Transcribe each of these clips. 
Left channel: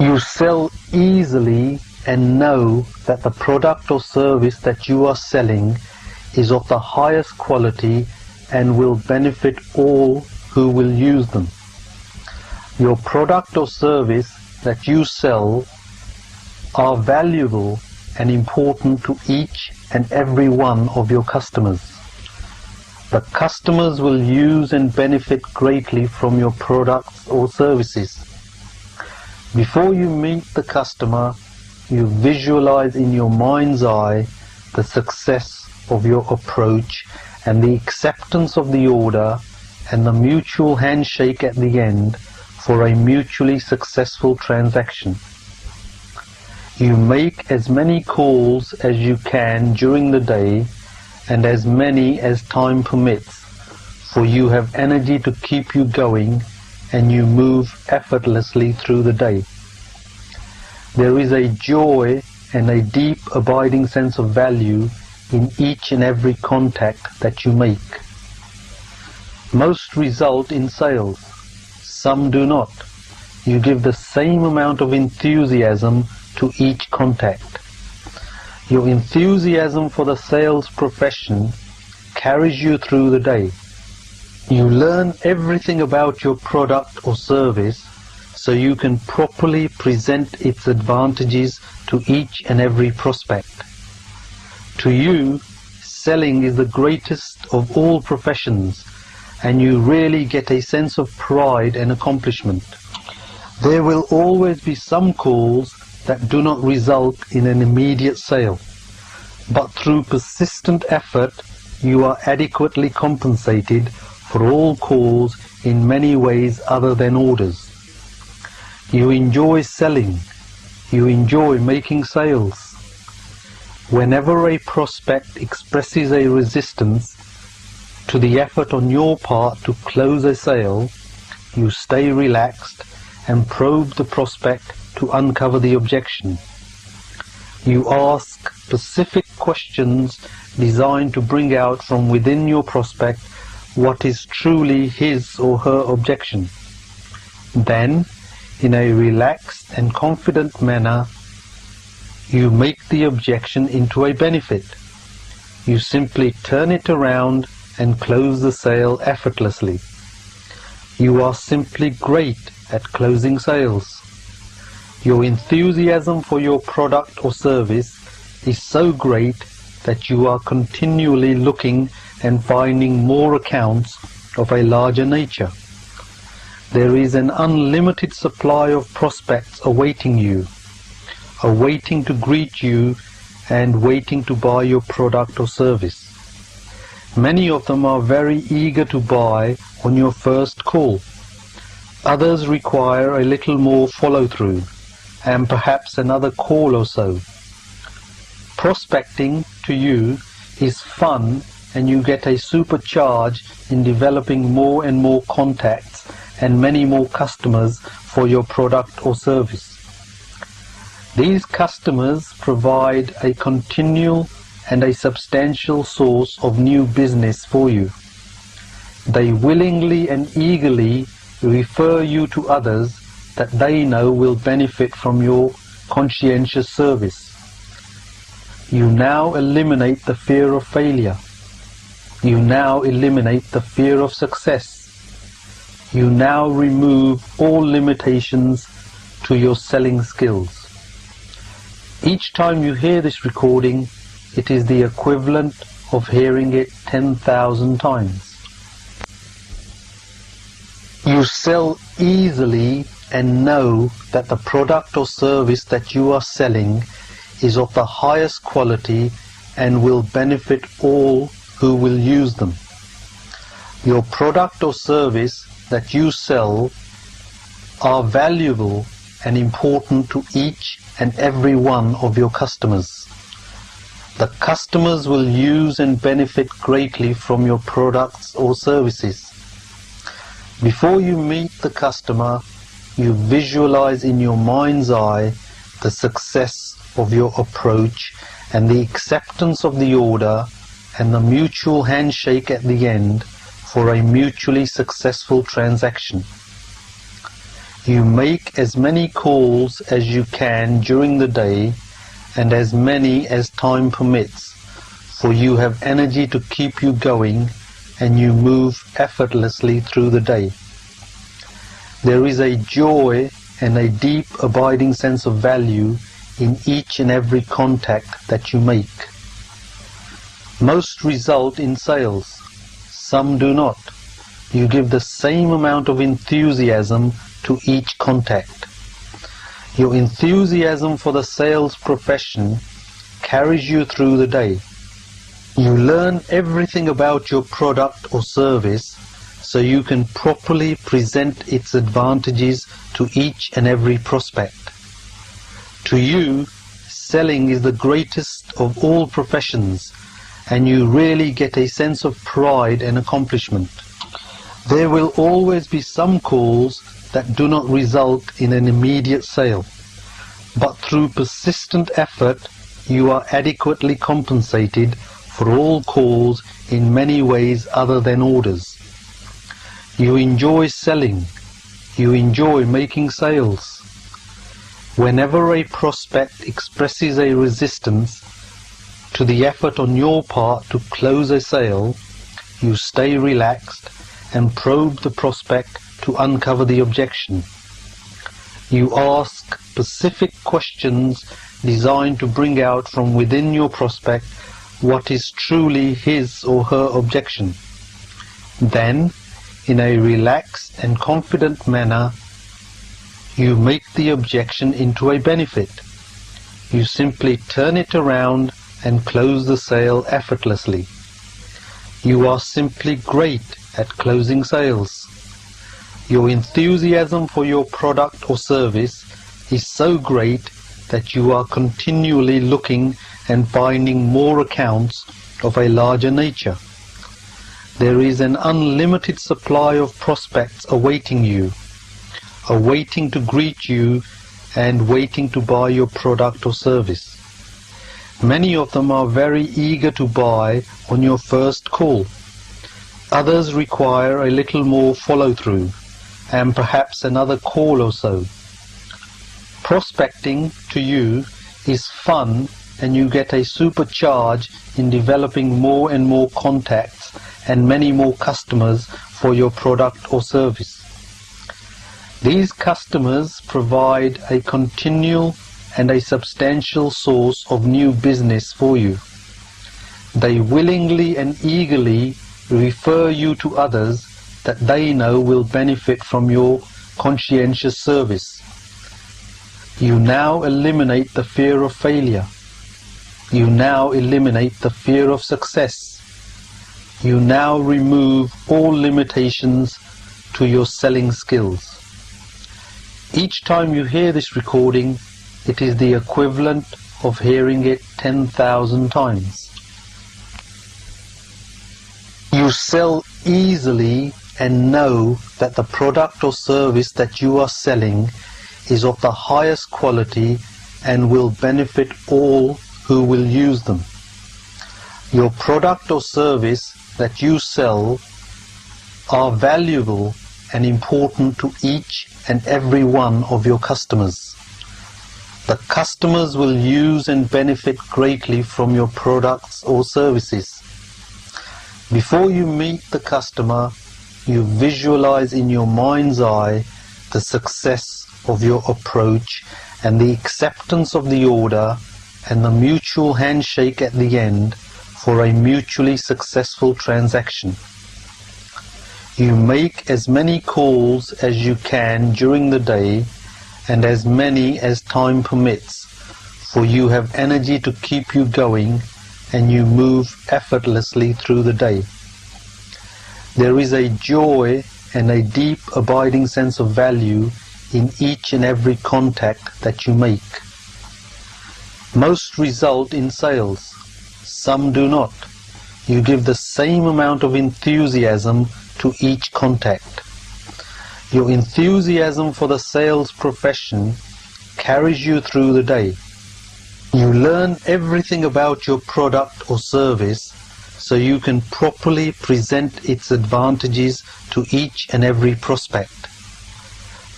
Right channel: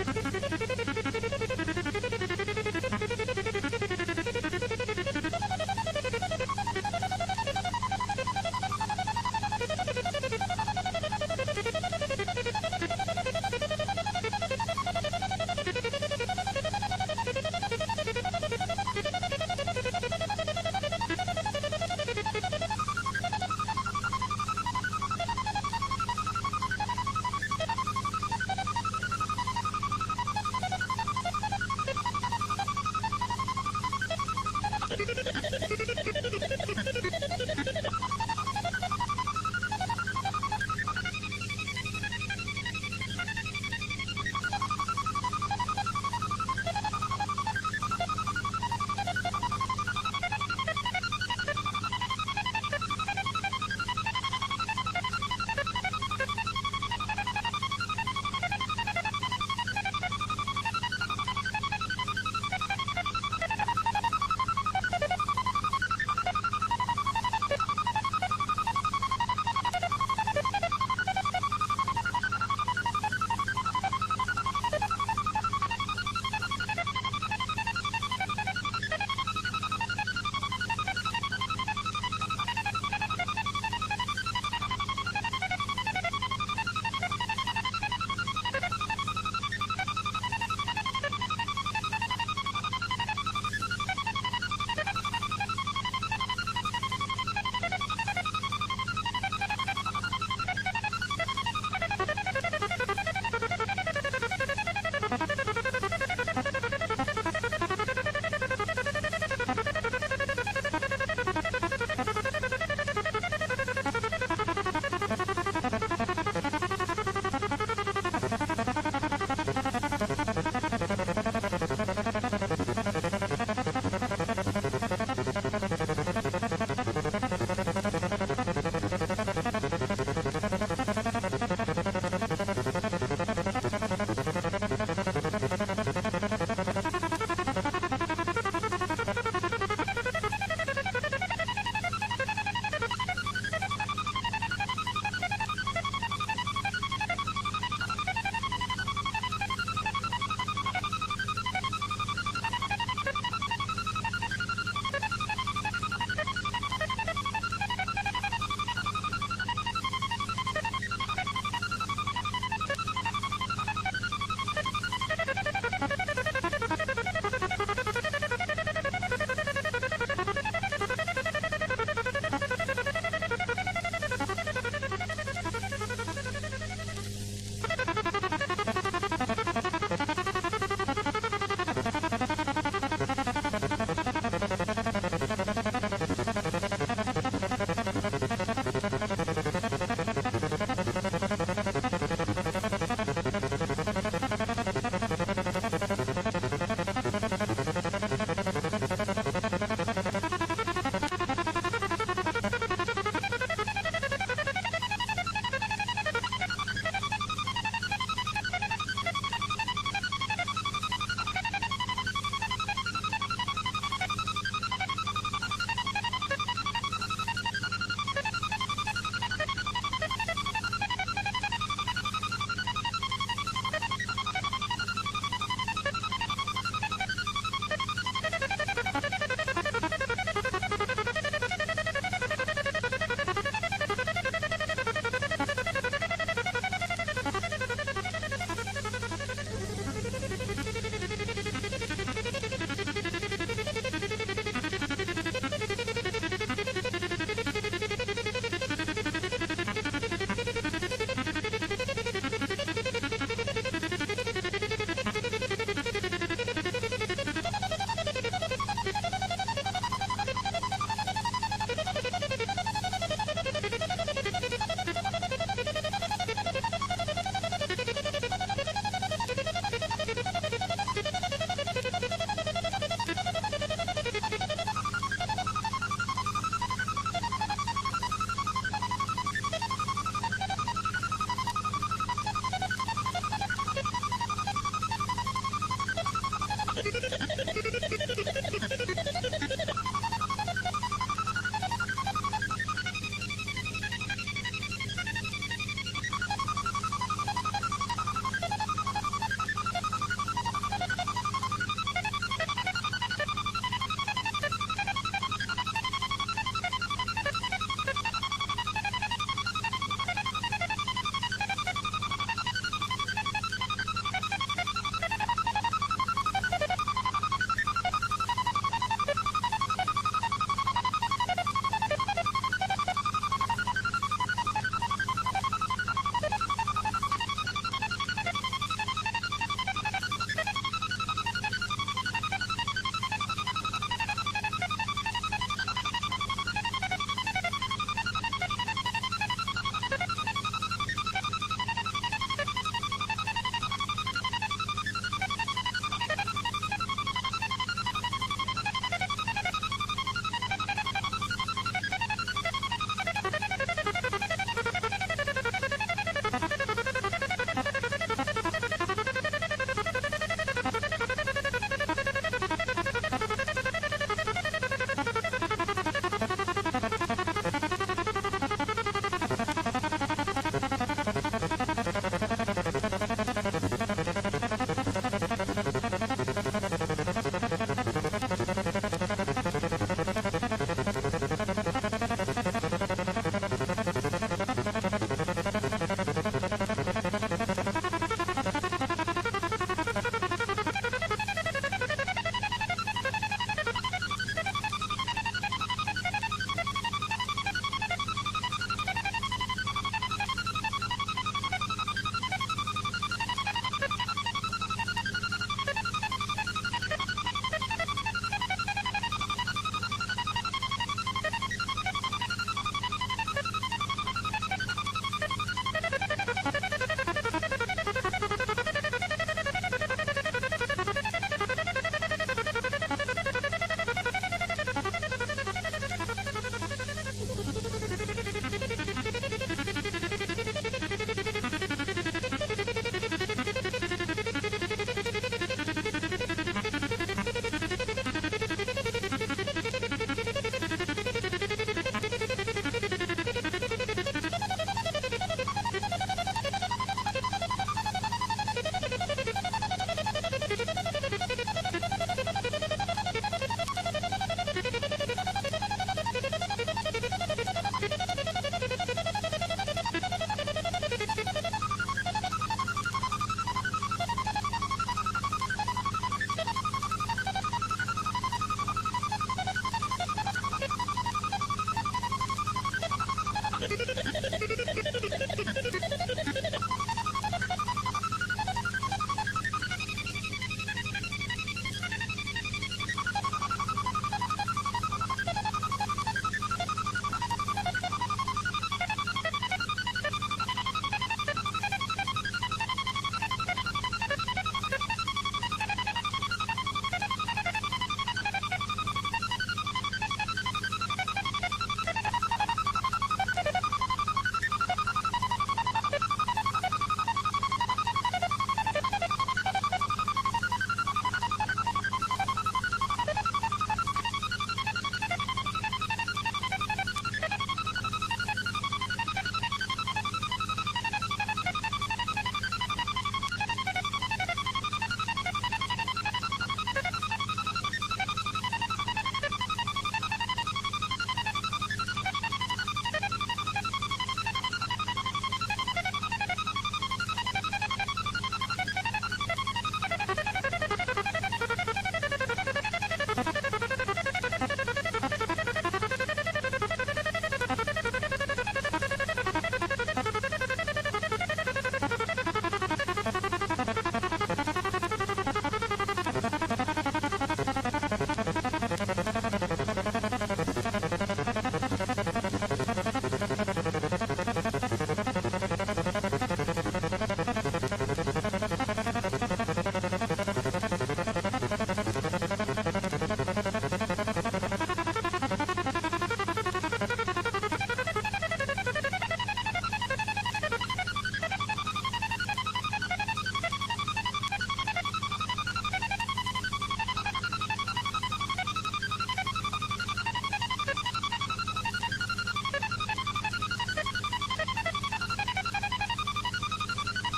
You sell easily and know that the product or service that you are selling is of the highest quality and will benefit all who will use them. Your product or service that you sell are valuable and important to each and every one of your customers. The customers will use and benefit greatly from your products or services. Before you meet the customer, you visualize in your mind's eye the success of your approach and the acceptance of the order and the mutual handshake at the end for a mutually successful transaction. You make as many calls as you can during the day and as many as time permits, for you have energy to keep you going and you move effortlessly through the day. There is a joy and a deep abiding sense of value in each and every contact that you make. Most result in sales, some do not. You give the same amount of enthusiasm to each contact. Your enthusiasm for the sales profession carries you through the day. You learn everything about your product or service so you can properly present its advantages to each and every prospect. To you, selling is the greatest of all professions, and you really get a sense of pride and accomplishment. There will always be some calls that do not result in an immediate sale, but through persistent effort you are adequately compensated for all calls in many ways other than orders. You enjoy selling. You enjoy making sales. Whenever a prospect expresses a resistance to the effort on your part to close a sale, you stay relaxed and probe the prospect to uncover the objection. You ask specific questions designed to bring out from within your prospect what is truly his or her objection. Then, in a relaxed and confident manner, you make the objection into a benefit. You simply turn it around and close the sale effortlessly. You are simply great at closing sales. Your enthusiasm for your product or service is so great that you are continually looking and finding more accounts of a larger nature. There is an unlimited supply of prospects awaiting you, awaiting to greet you and waiting to buy your product or service. Many of them are very eager to buy on your first call. Others require a little more follow-through and perhaps another call or so. Prospecting to you is fun, and you get a supercharge in developing more and more contacts and many more customers for your product or service. These customers provide a continual and a substantial source of new business for you. They willingly and eagerly refer you to others that they know will benefit from your conscientious service. You now eliminate the fear of failure. You now eliminate the fear of success. You now remove all limitations to your selling skills. Each time you hear this recording, it is the equivalent of hearing it 10,000 times. You sell easily and know that the product or service that you are selling is of the highest quality and will benefit all who will use them. Your product or service that you sell are valuable and important to each and every one of your customers. The customers will use and benefit greatly from your products or services. Before you meet the customer, you visualize in your mind's eye the success of your approach and the acceptance of the order and the mutual handshake at the end for a mutually successful transaction. You make as many calls as you can during the day and as many as time permits, for you have energy to keep you going and you move effortlessly through the day. There is a joy and a deep abiding sense of value in each and every contact that you make. Most result in sales, some do not. You give the same amount of enthusiasm to each contact. Your enthusiasm for the sales profession carries you through the day. You learn everything about your product or service so you can properly present its advantages to each and every prospect. To you, selling is the greatest of all professions, and you really get a sense of pride and accomplishment. There will always be some calls that do not result in an immediate sale, but through persistent effort you are adequately compensated for all calls in many ways other than orders. You enjoy selling. You enjoy making sales. Whenever a prospect expresses a resistance to the effort on your part to close a sale, you stay relaxed and probe the prospect to uncover the objection. You ask specific questions designed to bring out from within your prospect what is truly his or her objection. Then, in a relaxed and confident manner, you make the objection into a benefit. You simply turn it around and close the sale effortlessly. You are simply great at closing sales. Your enthusiasm for your product or service is so great that you are continually looking and finding more accounts of a larger nature. There is an unlimited supply of prospects awaiting you, awaiting to greet you and waiting to buy your product or service. Many of them are very eager to buy on your first call. Others require a little more follow-through and perhaps another call or so. Prospecting to you is fun, and you get a supercharge in developing more and more contacts and many more customers for your product or service. These customers provide a continual and a substantial source of new business for you. They willingly and eagerly refer you to others that they know will benefit from your conscientious service. You now eliminate the fear of failure. You now eliminate the fear of success. You now remove all limitations to your selling skills. Each time you hear this recording, it is the equivalent of hearing it 10,000 times. You sell easily and know that the product or service that you are selling is of the highest quality and will benefit all who will use them. Your product or service that you sell are valuable and important to each and every one of your customers. The customers will use and benefit greatly from your products or services. Before you meet the customer, you visualize in your mind's eye the success of your approach and the acceptance of the order and the mutual handshake at the end for a mutually successful transaction. You make as many calls as you can during the day and as many as time permits, for you have energy to keep you going and you move effortlessly through the day. There is a joy and a deep abiding sense of value in each and every contact that you make. Most result in sales, some do not. You give the same amount of enthusiasm to each contact. Your enthusiasm for the sales profession carries you through the day. You learn everything about your product or service so you can properly present its advantages to each and every prospect.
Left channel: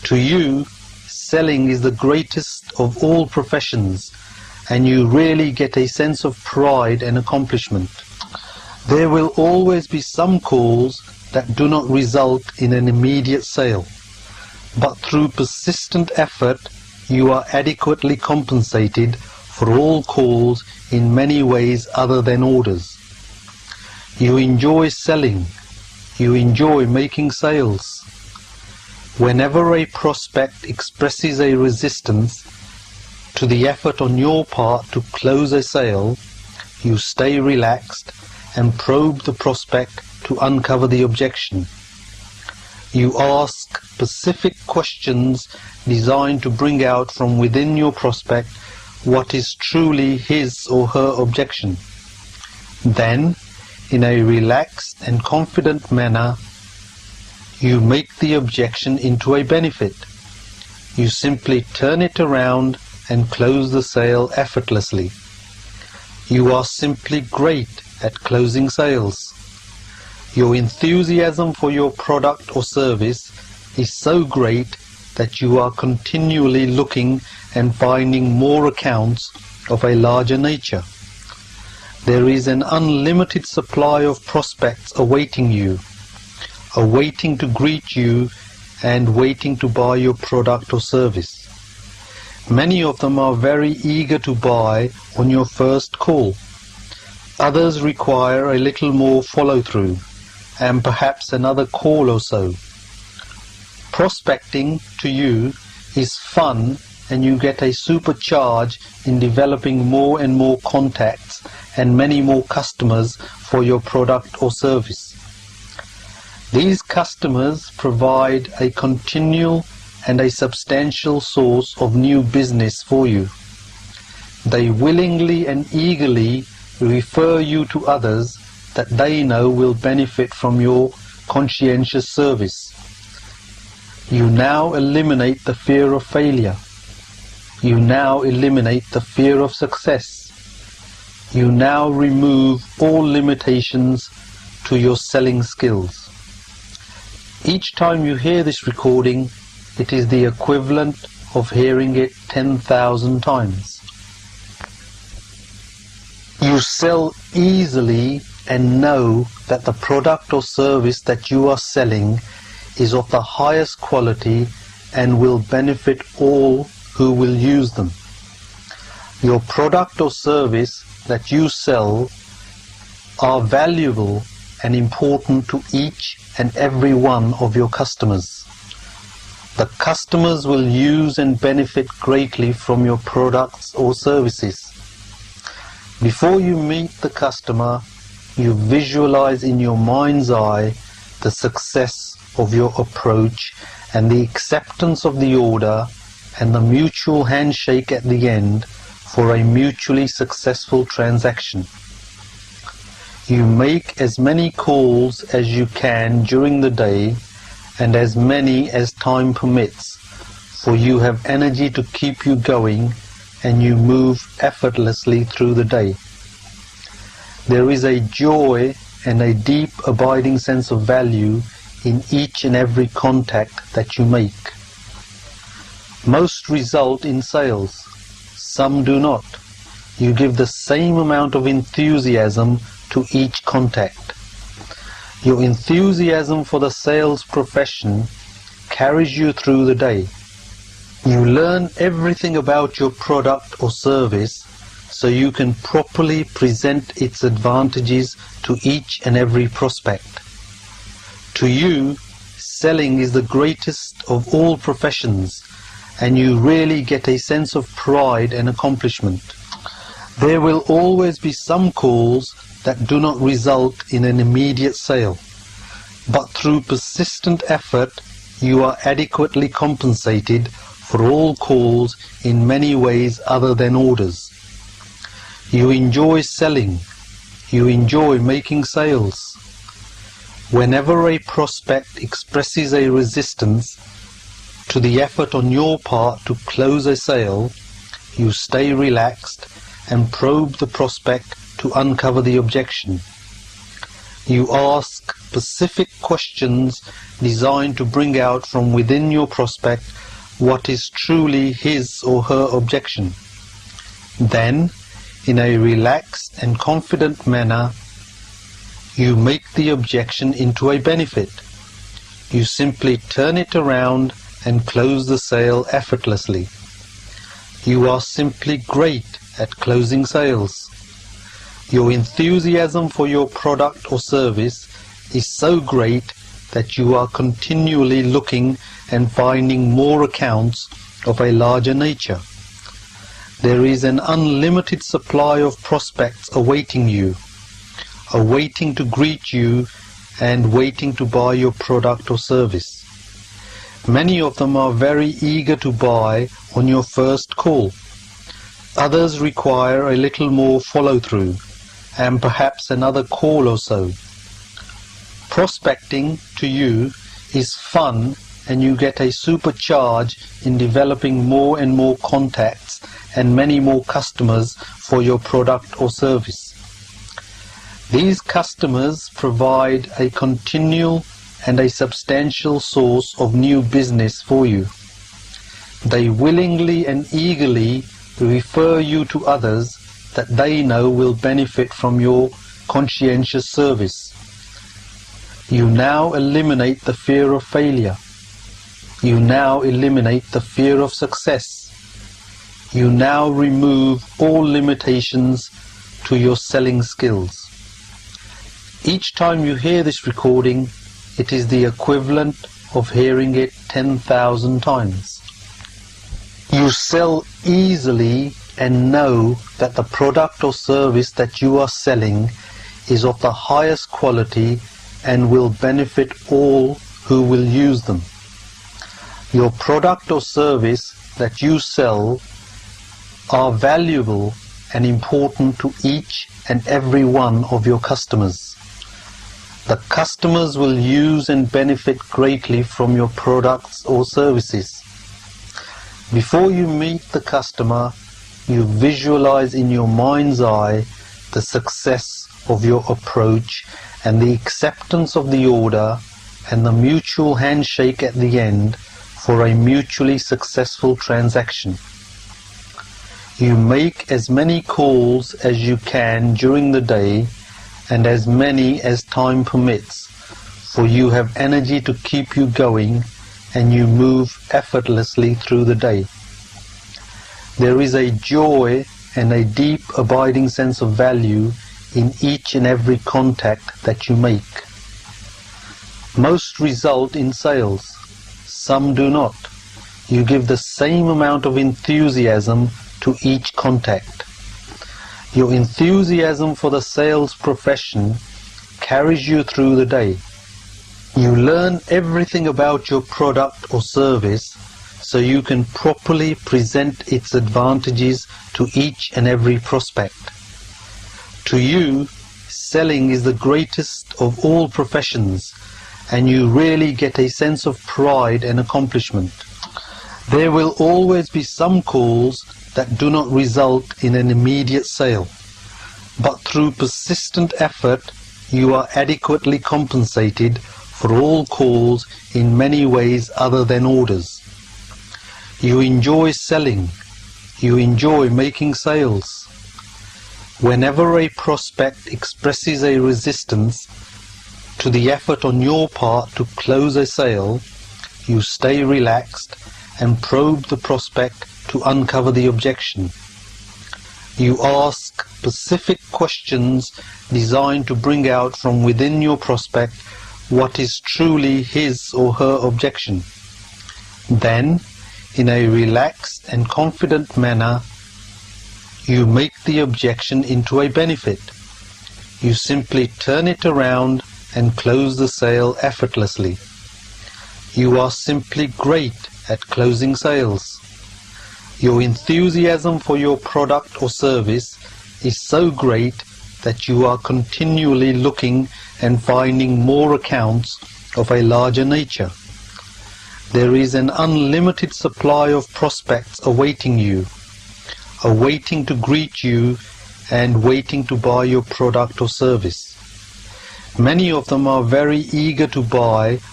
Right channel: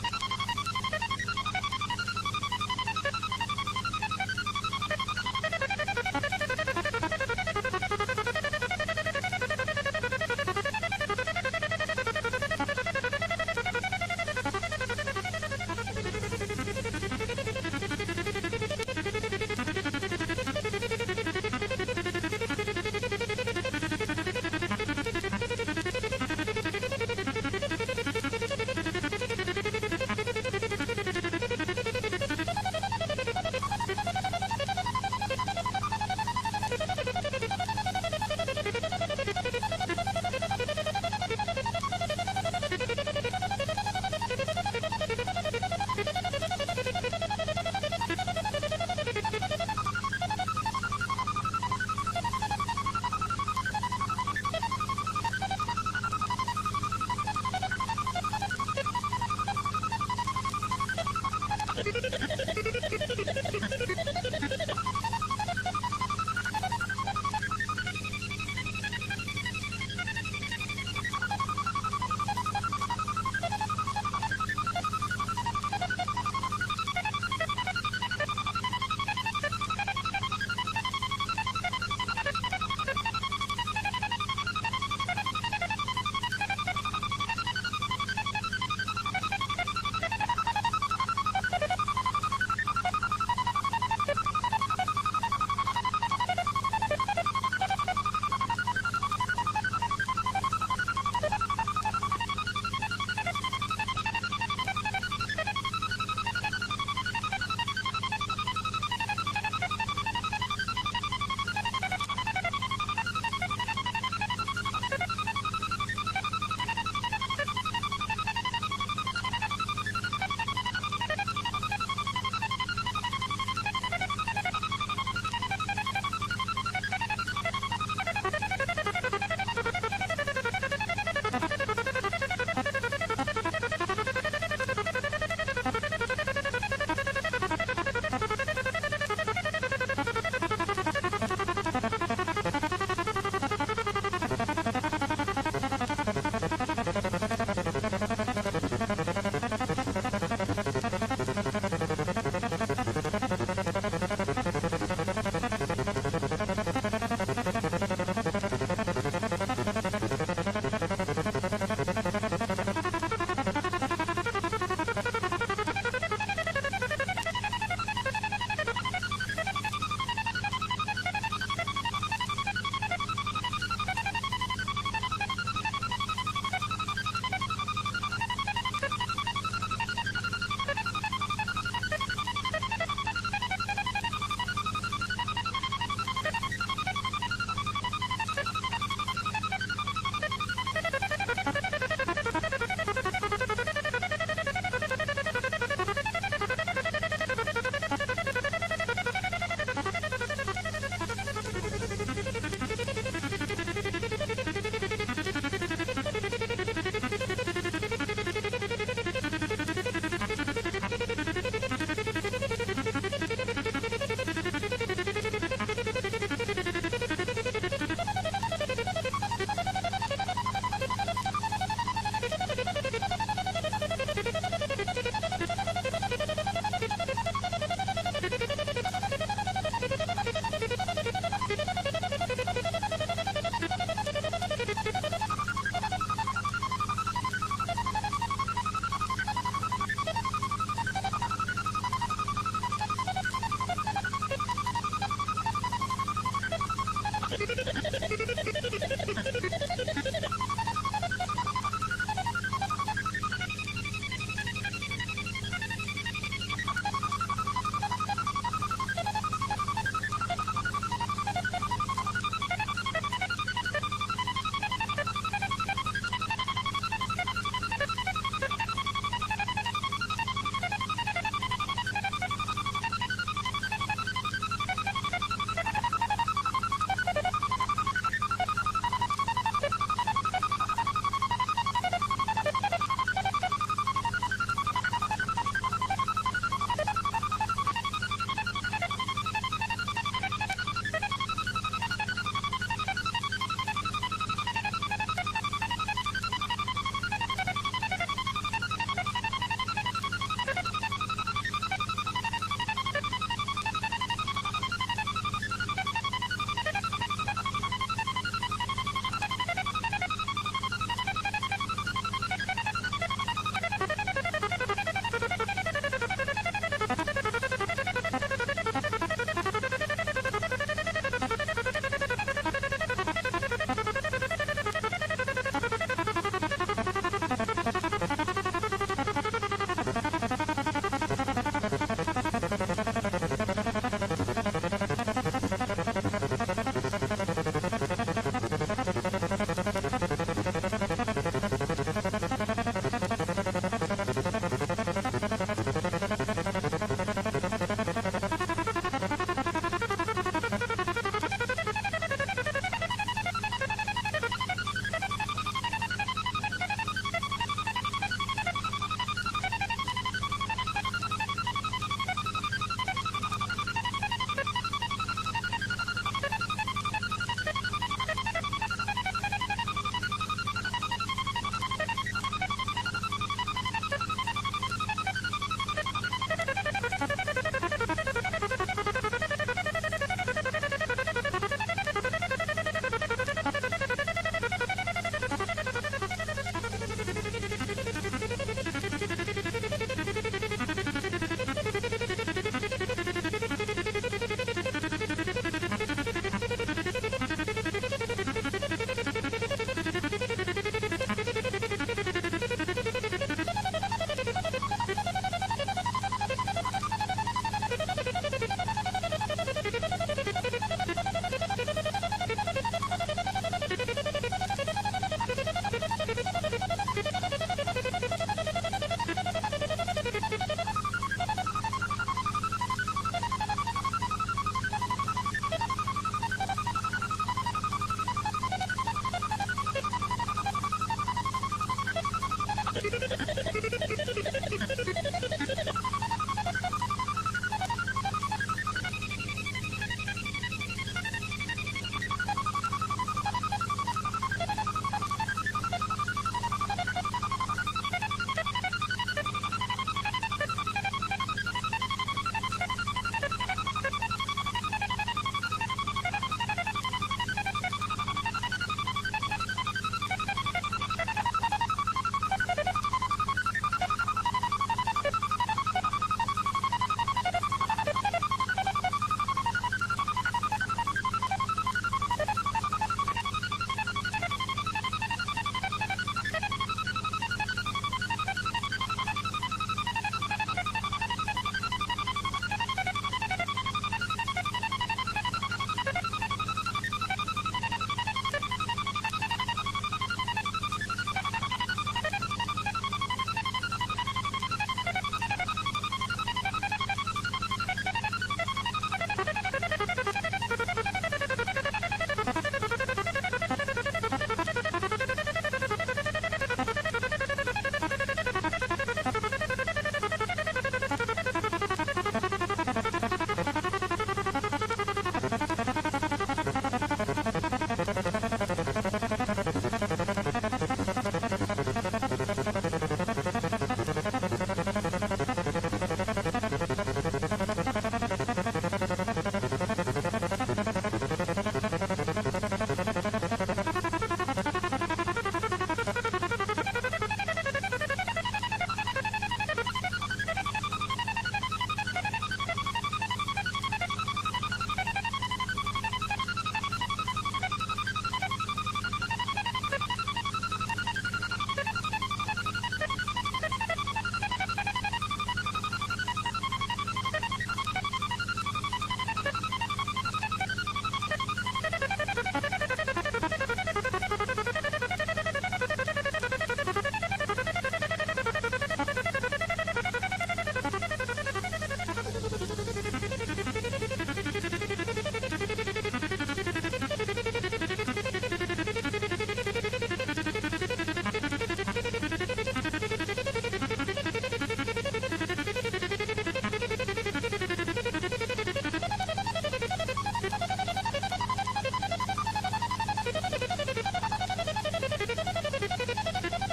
To you, selling is the greatest of all professions, and you really get a sense of pride and accomplishment. There will always be some calls that do not result in an immediate sale, but through persistent effort you are adequately compensated for all calls in many ways other than orders. You enjoy selling. You enjoy making sales. Whenever a prospect expresses a resistance to the effort on your part to close a sale, you stay relaxed and probe the prospect to uncover the objection. You ask specific questions designed to bring out from within your prospect what is truly his or her objection. Then, in a relaxed and confident manner, you make the objection into a benefit. You simply turn it around and close the sale effortlessly. You are simply great at closing sales. Your enthusiasm for your product or service is so great that you are continually looking and finding more accounts of a larger nature. There is an unlimited supply of prospects awaiting you, awaiting to greet you and waiting to buy your product or service. Many of them are very eager to buy on your first call. Others require a little more follow-through and perhaps another call or so. Prospecting to you is fun, and you get a supercharge in developing more and more contacts and many more customers for your product or service. These customers provide a continual and a substantial source of new business for you. They willingly and eagerly refer you to others that they know will benefit from your conscientious service. You now eliminate the fear of failure. You now eliminate the fear of success. You now remove all limitations to your selling skills. Each time you hear this recording, it is the equivalent of hearing it 10,000 times. You sell easily and know that the product or service that you are selling is of the highest quality and will benefit all who will use them. Your product or service that you sell are valuable and important to each and every one of your customers. The customers will use and benefit greatly from your products or services. Before you meet the customer, you visualize in your mind's eye the success of your approach and the acceptance of the order and the mutual handshake at the end for a mutually successful transaction. You make as many calls as you can during the day and as many as time permits, for you have energy to keep you going and you move effortlessly through the day. There is a joy and a deep abiding sense of value in each and every contact that you make. Most result in sales, some do not. You give the same amount of enthusiasm to each contact. Your enthusiasm for the sales profession carries you through the day. You learn everything about your product or service so you can properly present its advantages to each and every prospect. To you, selling is the greatest of all professions, and you really get a sense of pride and accomplishment. There will always be some calls that do not result in an immediate sale, but through persistent effort you are adequately compensated for all calls in many ways other than orders. You enjoy selling. You enjoy making sales. Whenever a prospect expresses a resistance to the effort on your part to close a sale, you stay relaxed and probe the prospect to uncover the objection. You ask specific questions designed to bring out from within your prospect what is truly his or her objection. Then, in a relaxed and confident manner, you make the objection into a benefit. You simply turn it around and close the sale effortlessly. You are simply great at closing sales. Your enthusiasm for your product or service is so great that you are continually looking and finding more accounts of a larger nature. There is an unlimited supply of prospects awaiting you, awaiting to greet you and waiting to buy your product or service. Many of them are very eager to buy on your first call. Others require a little more follow-through and perhaps another call or so. Prospecting to you is fun, and you get a supercharge in developing more and more contacts and many more customers for your product or service. These customers provide a continual and a substantial source of new business for you. They willingly and eagerly refer you to others that they know will benefit from your conscientious service. You now eliminate the fear of failure. You now eliminate the fear of success. You now remove all limitations to your selling skills. Each time you hear this recording, it is the equivalent of hearing it 10,000 times. You sell easily and know that the product or service that you are selling is of the highest quality and will benefit all who will use them. Your product or service that you sell are valuable and important to each and every one of your customers. The customers will use and benefit greatly from your products or services. Before you meet the customer, you visualize in your mind's eye the success of your approach and the acceptance of the order and the mutual handshake at the end for a mutually successful transaction. You make as many calls as you can during the day and as many as time permits, for you have energy to keep you going and you move effortlessly through the day. There is a joy and a deep abiding sense of value in each and every contact that you make. Most result in sales, some do not. You give the same amount of enthusiasm to each contact. Your enthusiasm for the sales profession carries you through the day. You learn everything about your product or service so you can properly present its advantages to each and every prospect. To you, selling is the greatest of all professions, and you really get a sense of pride and accomplishment. There will always be some calls that do not result in an immediate sale, but through persistent effort you are adequately compensated for all calls in many ways other than orders. You enjoy selling. You enjoy making sales. Whenever a prospect expresses a resistance to the effort on your part to close a sale, you stay relaxed and probe the prospect to uncover the objection. You ask specific questions designed to bring out from within your prospect what is truly his or her objection. Then, in a relaxed and confident manner, you make the objection into a benefit. You simply turn it around and close the sale effortlessly. You are simply great at closing sales. Your enthusiasm for your product or service is so great that you are continually looking and finding more accounts of a larger nature. There is an unlimited supply of prospects awaiting you, awaiting to greet you and waiting to buy your product or service. Many of them are very eager to buy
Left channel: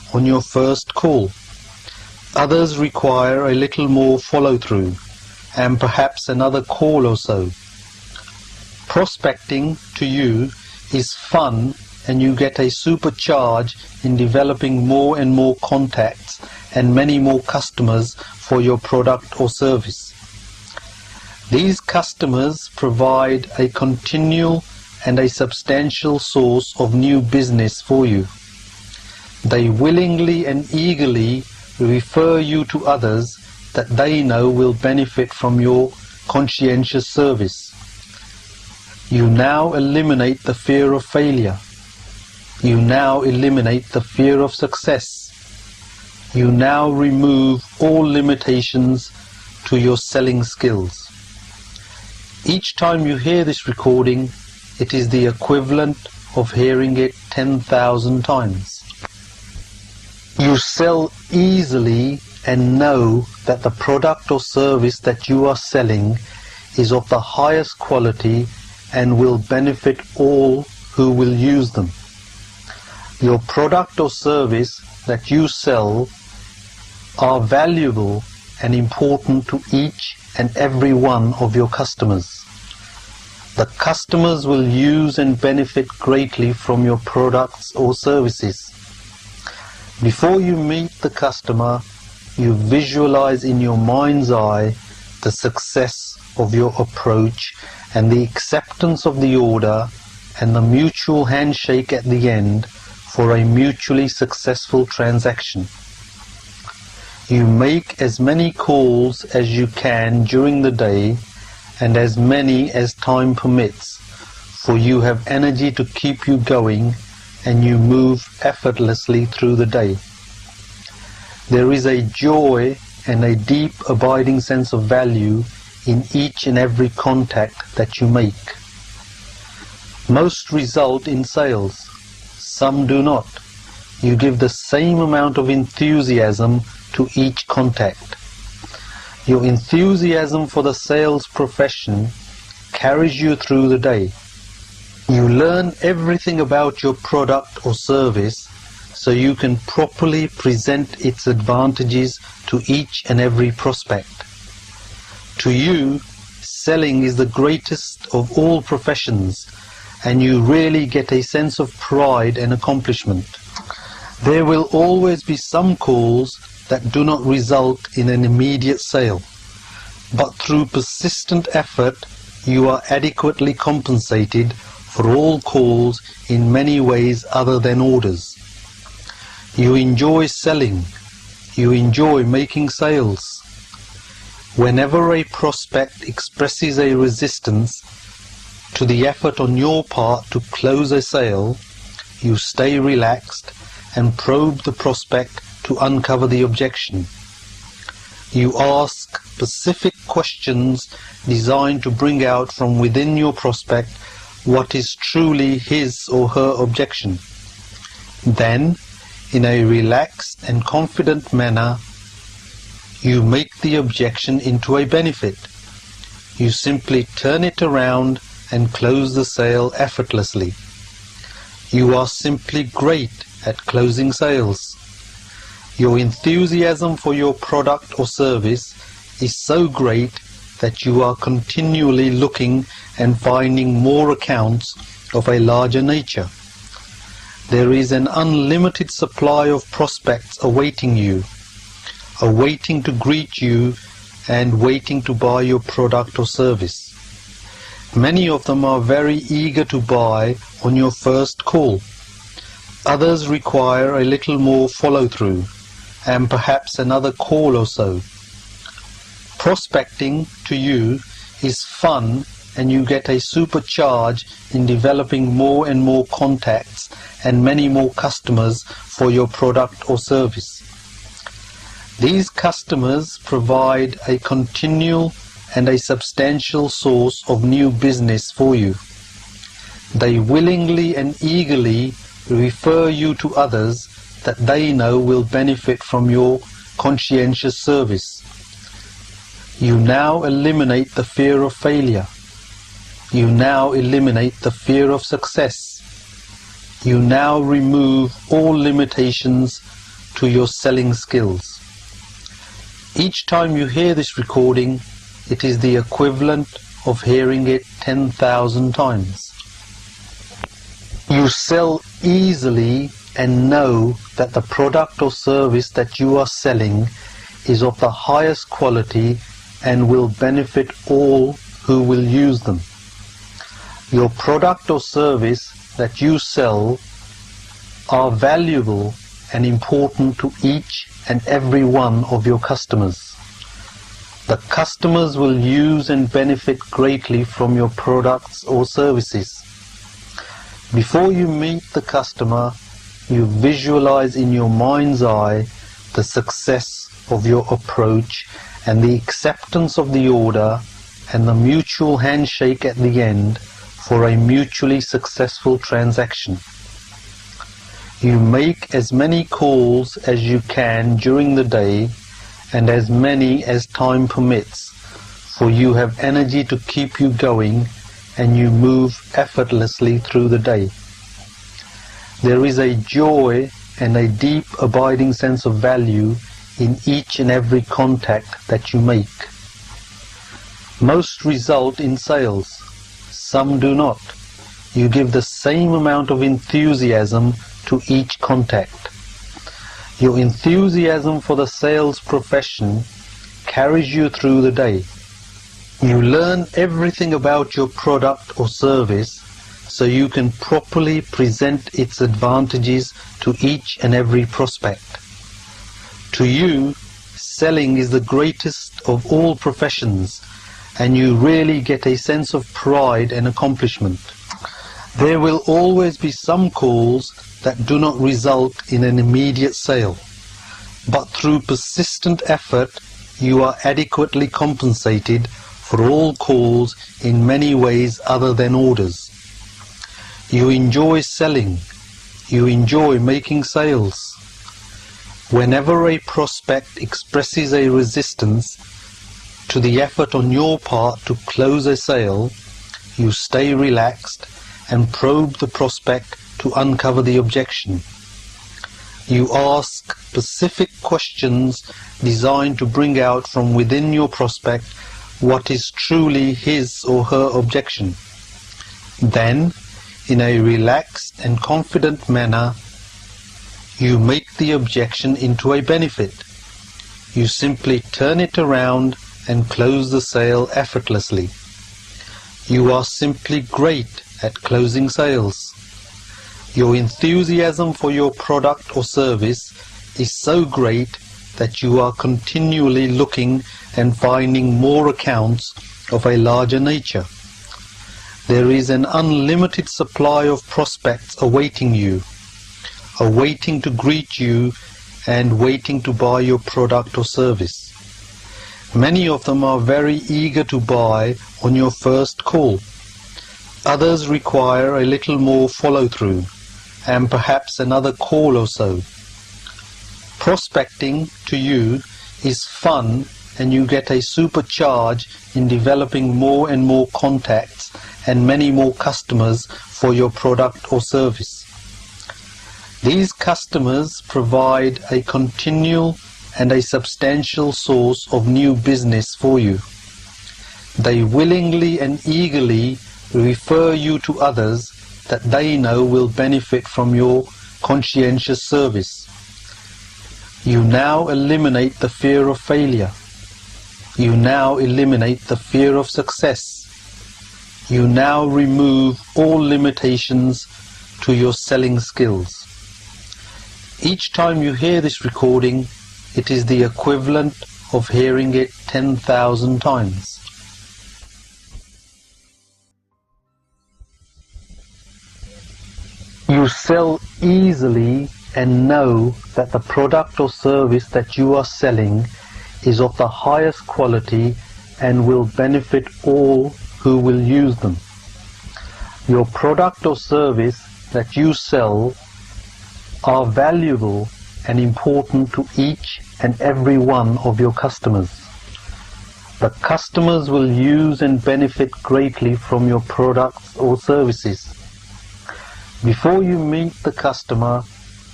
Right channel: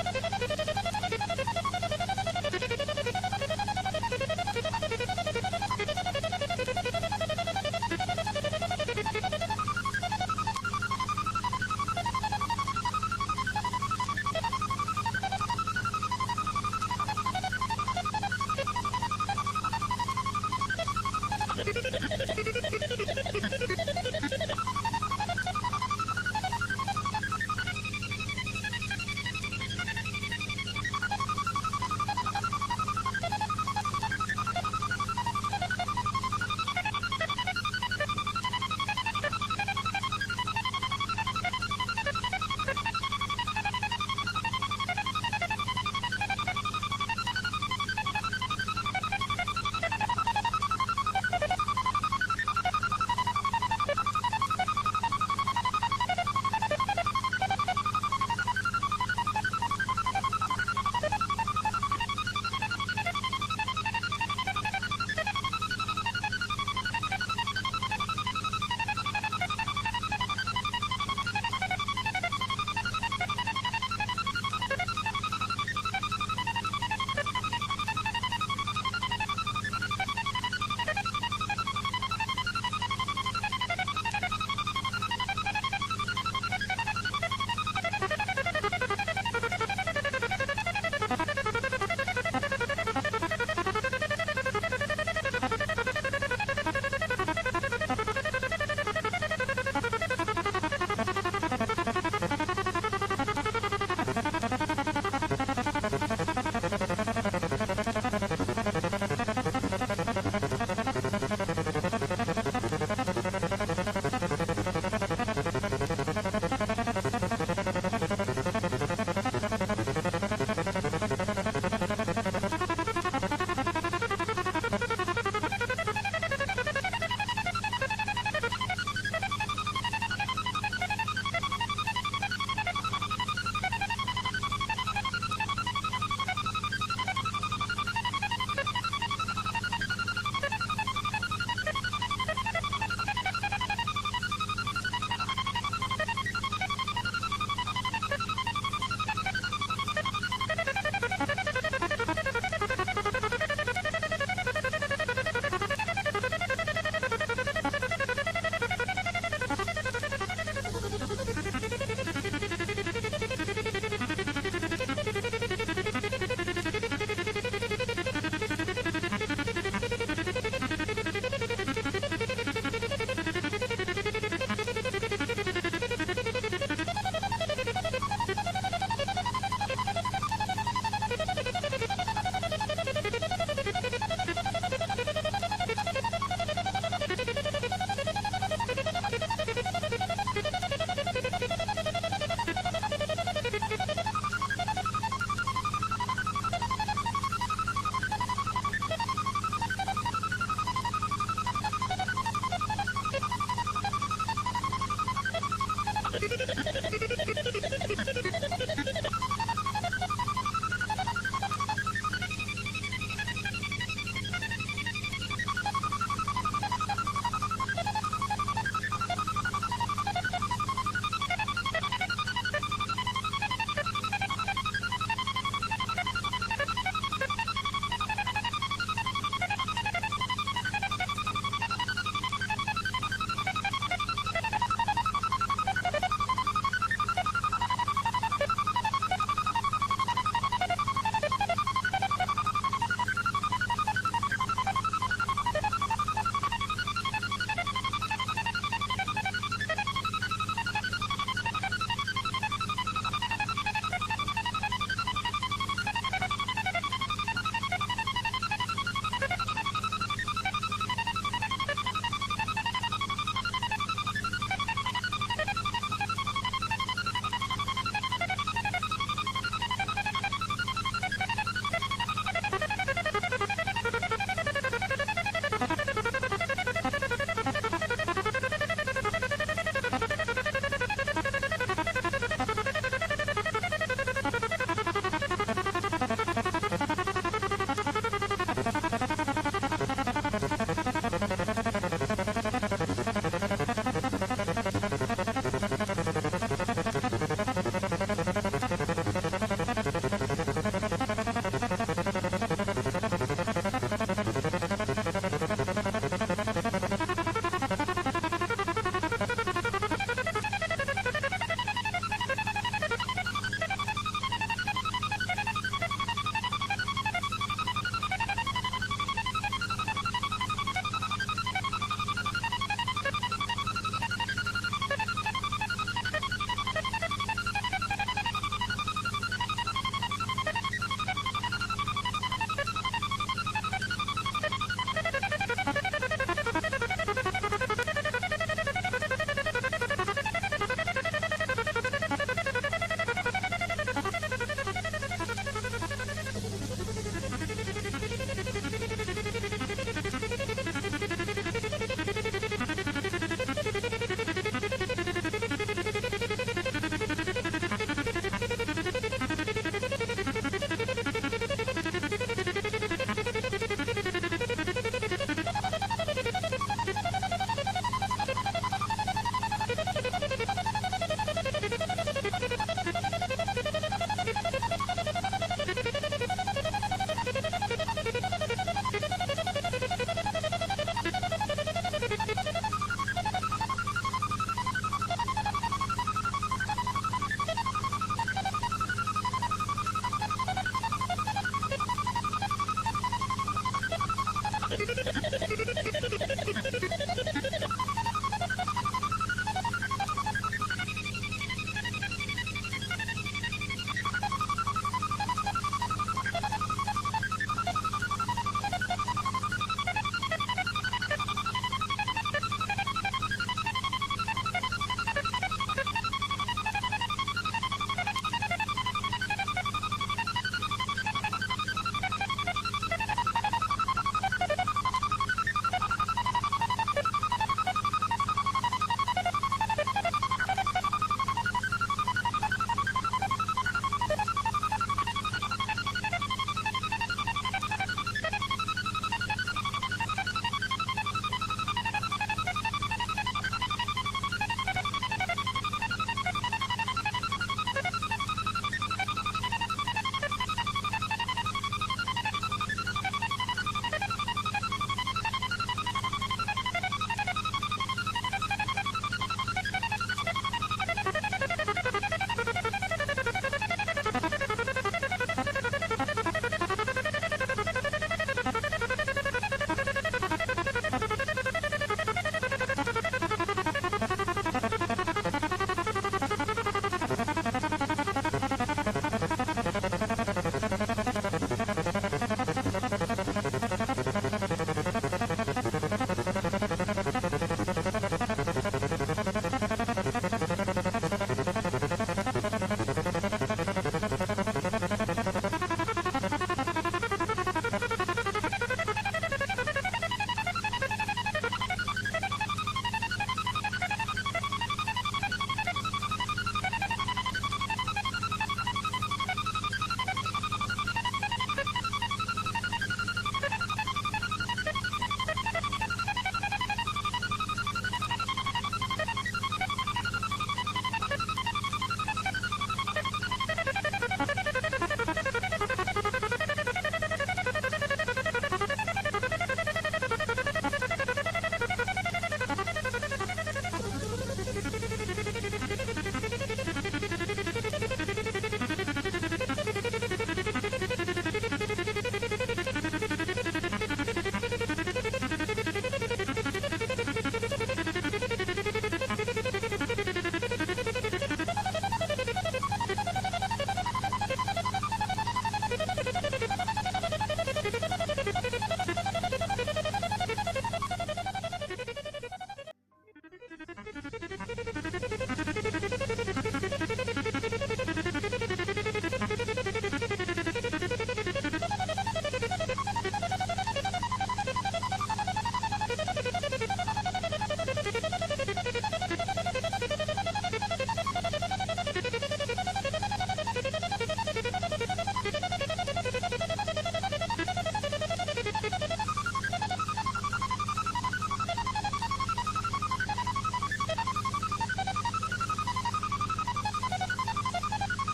on your first call. Others require a little more follow-through and perhaps another call or so. Prospecting to you is fun, and you get a supercharge in developing more and more contacts and many more customers for your product or service. These customers provide a continual and a substantial source of new business for you. They willingly and eagerly refer you to others that they know will benefit from your conscientious service. You now eliminate the fear of failure. You now eliminate the fear of success. You now remove all limitations to your selling skills. Each time you hear this recording, it is the equivalent of hearing it 10,000 times. You sell easily and know that the product or service that you are selling is of the highest quality and will benefit all who will use them. Your product or service that you sell are valuable and important to each and every one of your customers. The customers will use and benefit greatly from your products or services. Before you meet the customer, you visualize in your mind's eye the success of your approach and the acceptance of the order and the mutual handshake at the end for a mutually successful transaction. You make as many calls as you can during the day and as many as time permits, for you have energy to keep you going and you move effortlessly through the day. There is a joy and a deep abiding sense of value in each and every contact that you make. Most result in sales, some do not. You give the same amount of enthusiasm to each contact. Your enthusiasm for the sales profession carries you through the day. You learn everything about your product or service so you can properly present its advantages to each and every prospect. To you, selling is the greatest of all professions, and you really get a sense of pride and accomplishment. There will always be some calls that do not result in an immediate sale, but through persistent effort you are adequately compensated for all calls in many ways other than orders. You enjoy selling. You enjoy making sales. Whenever a prospect expresses a resistance to the effort on your part to close a sale, you stay relaxed and probe the prospect to uncover the objection. You ask specific questions designed to bring out from within your prospect what is truly his or her objection. Then, in a relaxed and confident manner, you make the objection into a benefit. You simply turn it around and close the sale effortlessly. You are simply great at closing sales. Your enthusiasm for your product or service is so great that you are continually looking and finding more accounts of a larger nature. There is an unlimited supply of prospects awaiting you, awaiting to greet you and waiting to buy your product or service. Many of them are very eager to buy on your first call. Others require a little more follow-through and perhaps another call or so. Prospecting to you is fun, and you get a supercharge in developing more and more contacts and many more customers for your product or service. These customers provide a continual and a substantial source of new business for you. They willingly and eagerly refer you to others that they know will benefit from your conscientious service. You now eliminate the fear of failure. You now eliminate the fear of success. You now remove all limitations to your selling skills. Each time you hear this recording, it is the equivalent of hearing it 10,000 times. You sell easily and know that the product or service that you are selling is of the highest quality and will benefit all who will use them. Your product or service that you sell are valuable and important to each and every one of your customers. The customers will use and benefit greatly from your products or services. Before you meet the customer, you visualize in your mind's eye the success of your approach and the acceptance of the order and the mutual handshake at the end for a mutually successful transaction. You make as many calls as you can during the day and as many as time permits, for you have energy to keep you going and you move effortlessly through the day. There is a joy and a deep abiding sense of value in each and every contact that you make. Most result in sales, some do not. You give the same amount of enthusiasm to each contact. Your enthusiasm for the sales profession carries you through the day. You learn everything about your product or service so you can properly present its advantages to each and every prospect. To you, selling is the greatest of all professions, and you really get a sense of pride and accomplishment. There will always be some calls that do not result in an immediate sale, but through persistent effort you are adequately compensated for all calls in many ways other than orders. You enjoy selling, you enjoy making sales. Whenever a prospect expresses a resistance to the effort on your part to close a sale, you stay relaxed and probe the prospect to uncover the objection. You ask specific questions designed to bring out from within your prospect what is truly his or her objection. Then, in a relaxed and confident manner, you make the objection into a benefit. You simply turn it around and close the sale effortlessly. You are simply great at closing sales. Your enthusiasm for your product or service is so great that you are continually looking and finding more accounts of a larger nature. There is an unlimited supply of prospects awaiting you, awaiting to greet you and waiting to buy your product or service. Many of them are very eager to buy on your first call. Others require a little more follow-through and perhaps another call or so. Prospecting to you is fun, and you get a supercharge in developing more and more contacts and many more customers for your product or service. These customers provide a continual and a substantial source of new business for you. They willingly and eagerly refer you to others that they know will benefit from your conscientious service. You now eliminate the fear of failure. You now eliminate the fear of success. You now remove all limitations to your selling skills. Each time you hear this recording, it is the equivalent of hearing it 10,000 times. You sell easily and know that the product or service that you are selling is of the highest quality and will benefit all who will use them. Your product or service that you sell are valuable and important to each and every one of your customers. The customers will use and benefit greatly from your products or services. Before you meet the customer,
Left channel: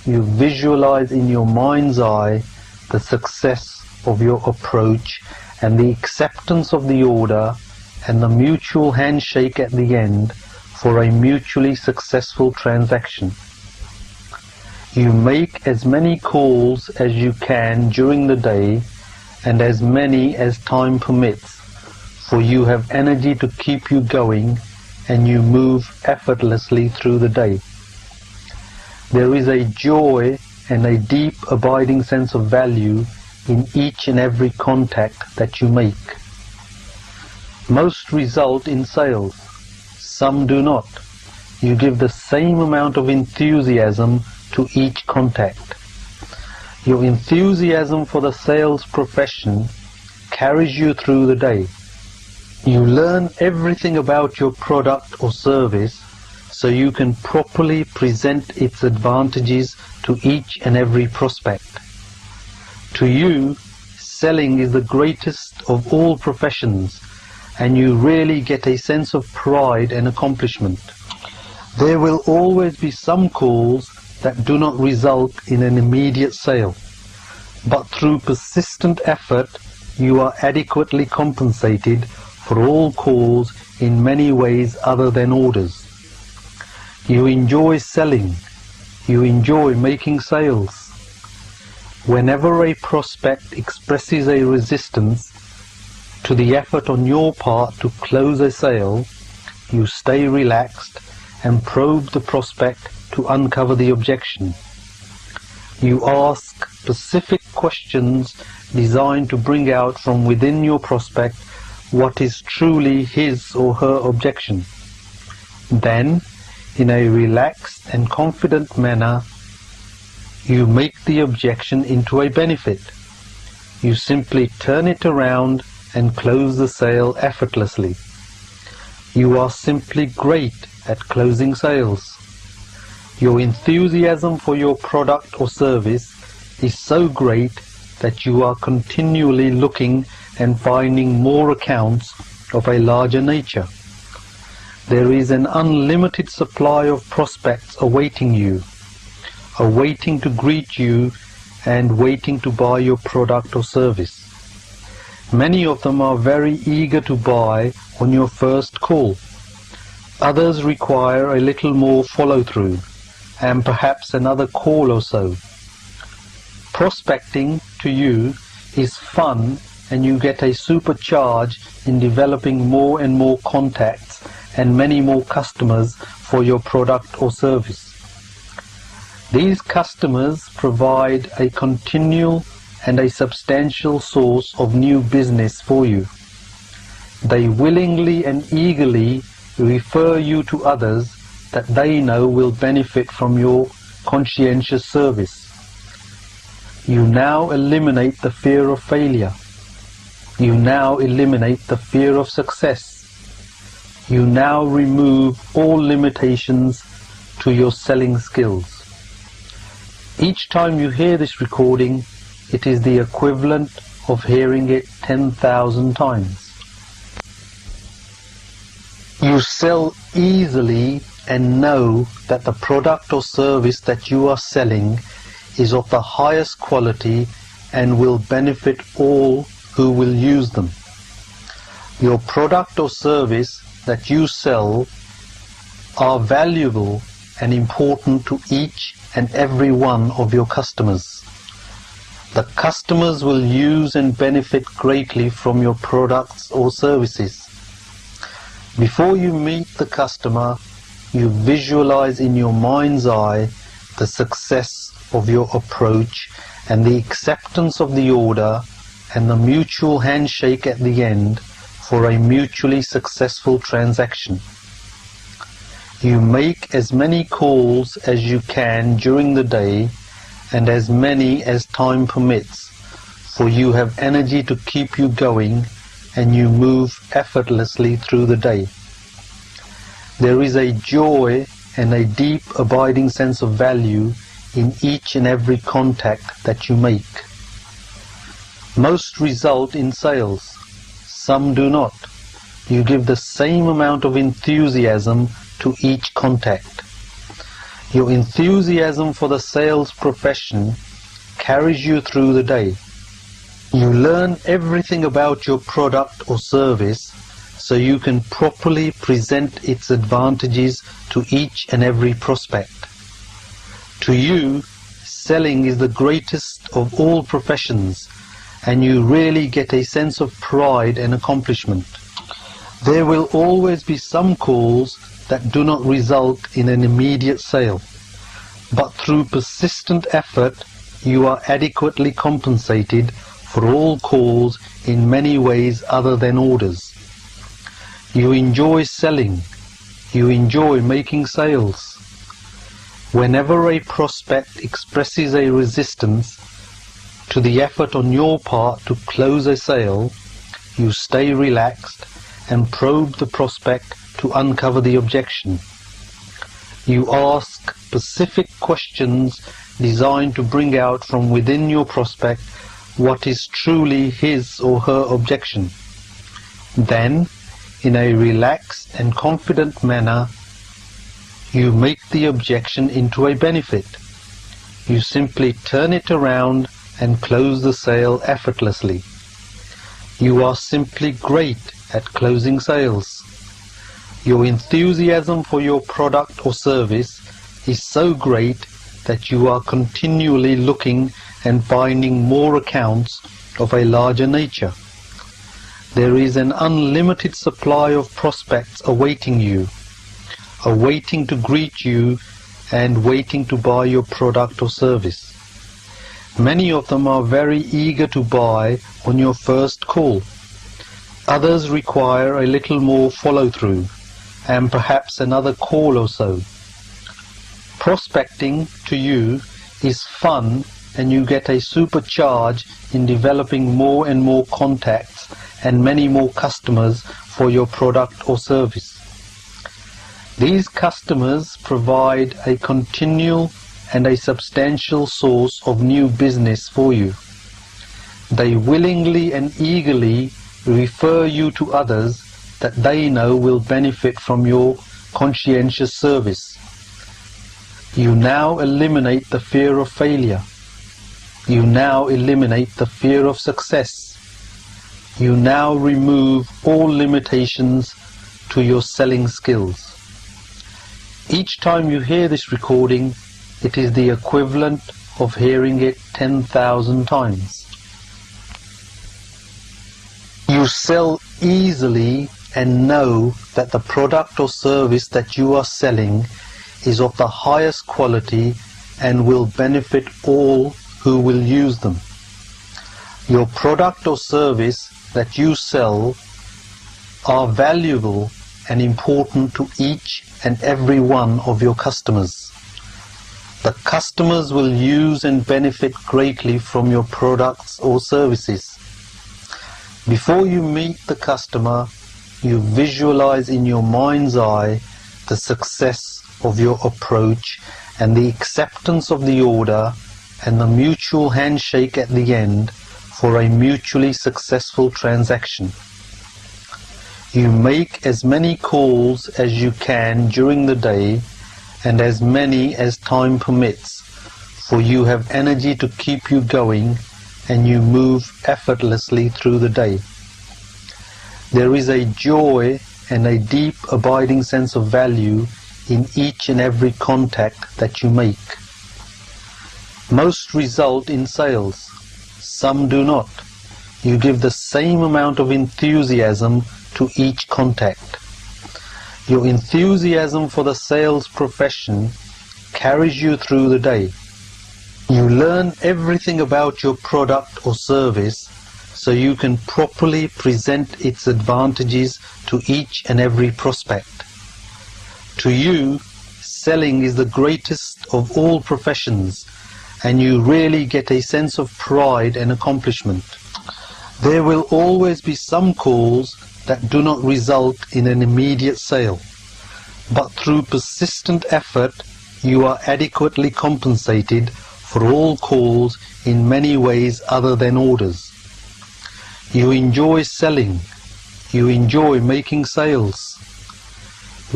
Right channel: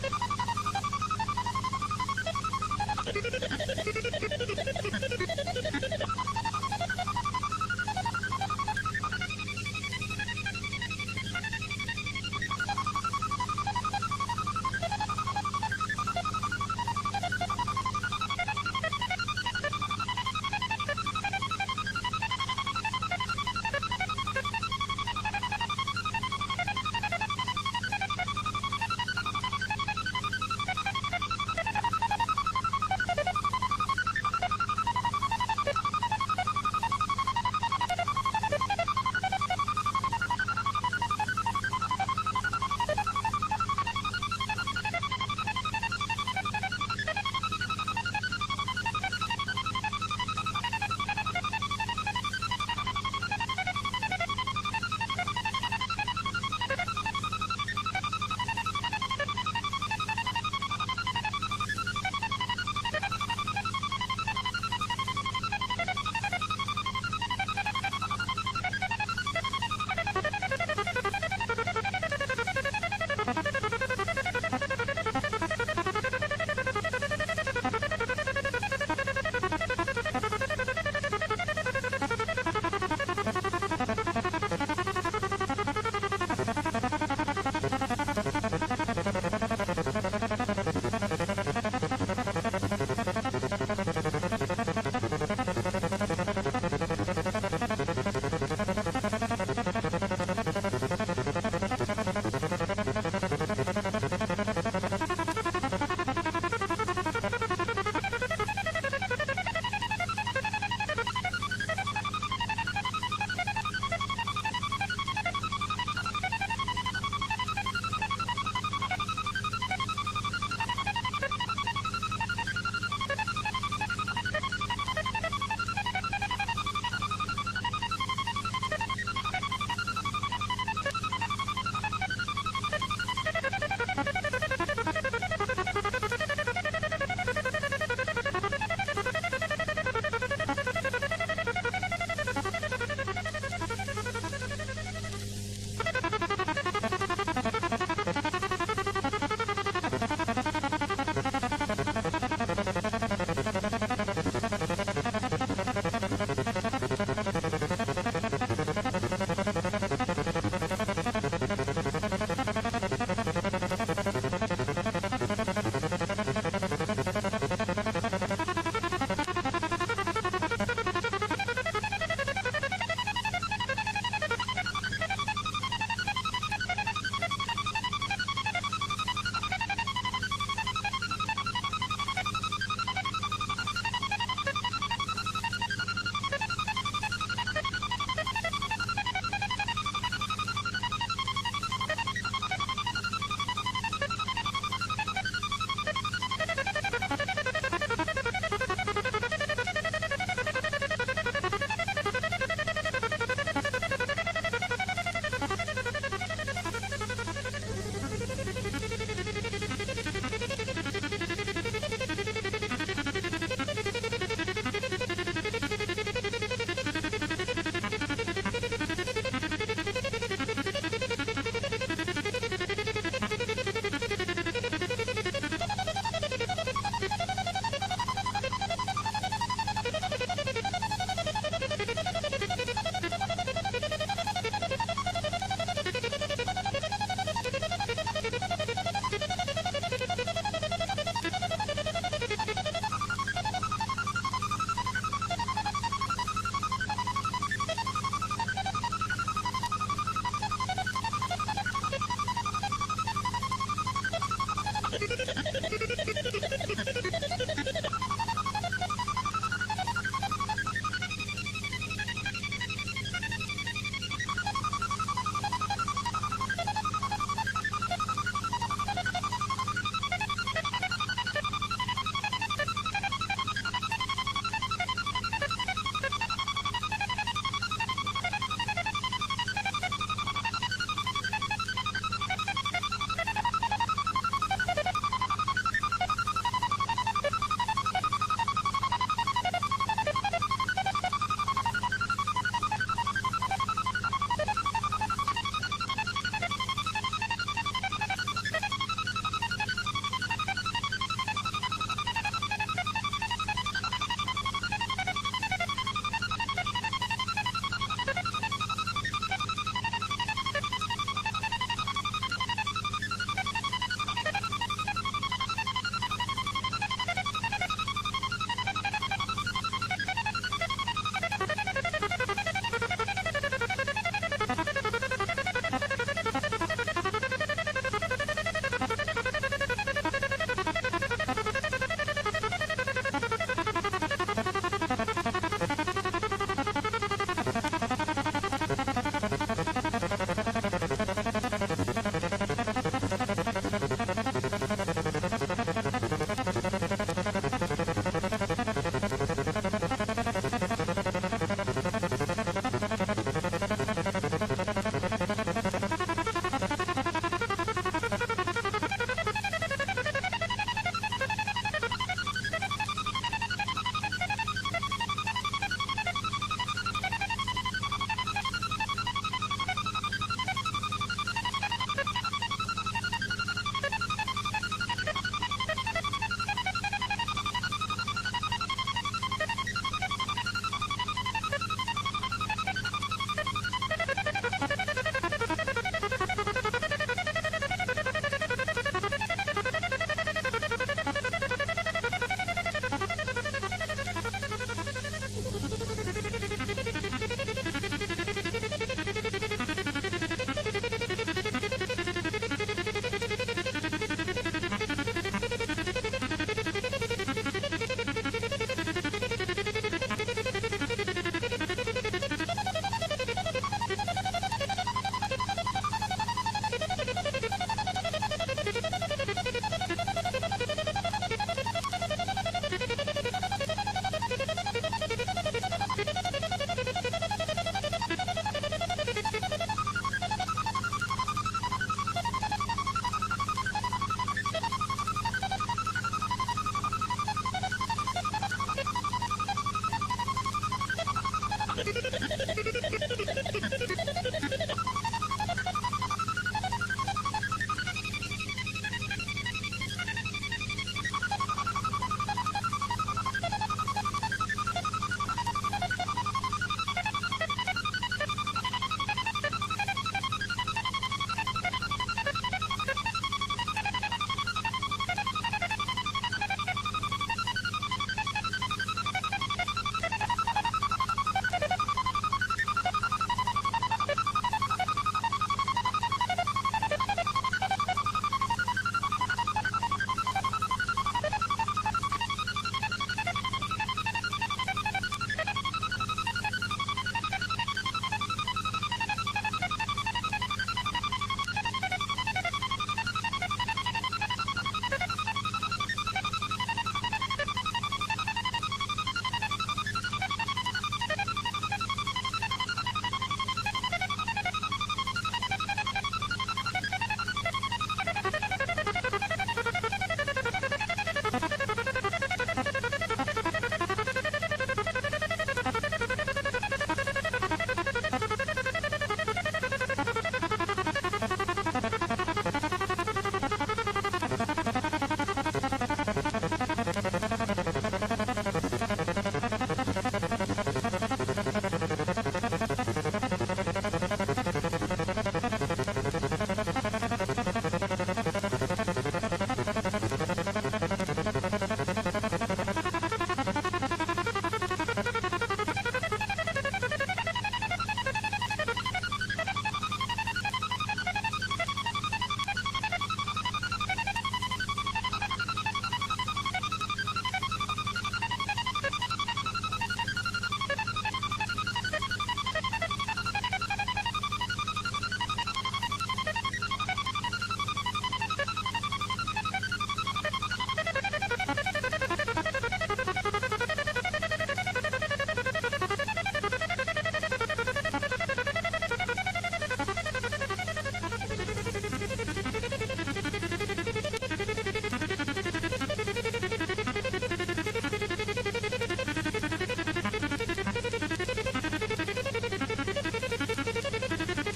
you visualize in your mind's eye the success of your approach and the acceptance of the order and the mutual handshake at the end for a mutually successful transaction. You make as many calls as you can during the day and as many as time permits, for you have energy to keep you going and you move effortlessly through the day. There is a joy and a deep abiding sense of value in each and every contact that you make. Most result in sales, some do not. You give the same amount of enthusiasm to each contact. Your enthusiasm for the sales profession carries you through the day. You learn everything about your product or service so you can properly present its advantages to each and every prospect. To you, selling is the greatest of all professions, and you really get a sense of pride and accomplishment. There will always be some calls that do not result in an immediate sale, but through persistent effort you are adequately compensated for all calls in many ways other than orders. You enjoy selling. You enjoy making sales. Whenever a prospect expresses a resistance to the effort on your part to close a sale, you stay relaxed and probe the prospect to uncover the objection. You ask specific questions designed to bring out from within your prospect what is truly his or her objection. Then, in a relaxed and confident manner, you make the objection into a benefit. You simply turn it around and close the sale effortlessly. You are simply great at closing sales. Your enthusiasm for your product or service is so great that you are continually looking and finding more accounts of a larger nature. There is an unlimited supply of prospects awaiting you, awaiting to greet you and waiting to buy your product or service. Many of them are very eager to buy on your first call. Others require a little more follow-through and perhaps another call or so. Prospecting to you is fun, and you get a supercharge in developing more and more contacts and many more customers for your product or service. These customers provide a continual and a substantial source of new business for you. They willingly and eagerly refer you to others that they know will benefit from your conscientious service. You now eliminate the fear of failure. You now eliminate the fear of success. You now remove all limitations to your selling skills. Each time you hear this recording, it is the equivalent of hearing it 10,000 times. You sell easily and know that the product or service that you are selling is of the highest quality and will benefit all who will use them. Your product or service that you sell are valuable and important to each and every one of your customers. The customers will use and benefit greatly from your products or services. Before you meet the customer, you visualize in your mind's eye the success of your approach and the acceptance of the order and the mutual handshake at the end for a mutually successful transaction. You make as many calls as you can during the day and as many as time permits, for you have energy to keep you going and you move effortlessly through the day. There is a joy and a deep abiding sense of value in each and every contact that you make. Most result in sales, some do not. You give the same amount of enthusiasm to each contact. Your enthusiasm for the sales profession carries you through the day. You learn everything about your product or service so you can properly present its advantages to each and every prospect. To you, selling is the greatest of all professions, and you really get a sense of pride and accomplishment. There will always be some calls that do not result in an immediate sale, but through persistent effort you are adequately compensated for all calls in many ways other than orders. You enjoy selling. You enjoy making sales. Whenever a prospect expresses a resistance to the effort on your part to close a sale, you stay relaxed and probe the prospect to uncover the objection. You ask specific questions designed to bring out from within your prospect what is truly his or her objection. Then, in a relaxed and confident manner, you make the objection into a benefit. You simply turn it around and close the sale effortlessly. You are simply great at closing sales. Your enthusiasm for your product or service is so great that you are continually looking and finding more accounts of a larger nature. There is an unlimited supply of prospects awaiting you, awaiting to greet you and waiting to buy your product or service. Many of them are very eager to buy on your first call. Others require a little more follow-through and perhaps another call or so. Prospecting to you is fun, and you get a supercharge in developing more and more contacts and many more customers for your product or service. These customers provide a continual and a substantial source of new business for you. They willingly and eagerly refer you to others that they know will benefit from your conscientious service. You now eliminate the fear of failure. You now eliminate the fear of success. You now remove all limitations to your selling skills. Each time you hear this recording, it is the equivalent of hearing it 10,000 times. You sell easily and know that the product or service that you are selling is of the highest quality and will benefit all who will use them. Your product or service that you sell are valuable and important to each and every one of your customers. The customers will use and benefit greatly from your products or services. Before you meet the customer, you visualize in your mind's eye the success of your approach and the acceptance of the order and the mutual handshake at the end for a mutually successful transaction. You make as many calls as you can during the day and as many as time permits, for you have energy to keep you going and you move effortlessly through the day. There is a joy and a deep abiding sense of value in each and every contact that you make. Most result in sales, some do not. You give the same amount of enthusiasm to each contact. Your enthusiasm for the sales profession carries you through the day. You learn everything about your product or service so you can properly present its advantages to each and every prospect. To you, selling is the greatest of all professions, and you really get a sense of pride and accomplishment. There will always be some calls that do not result in an immediate sale, but through persistent effort you are adequately compensated for all calls in many ways other than orders. You enjoy selling. You enjoy making sales.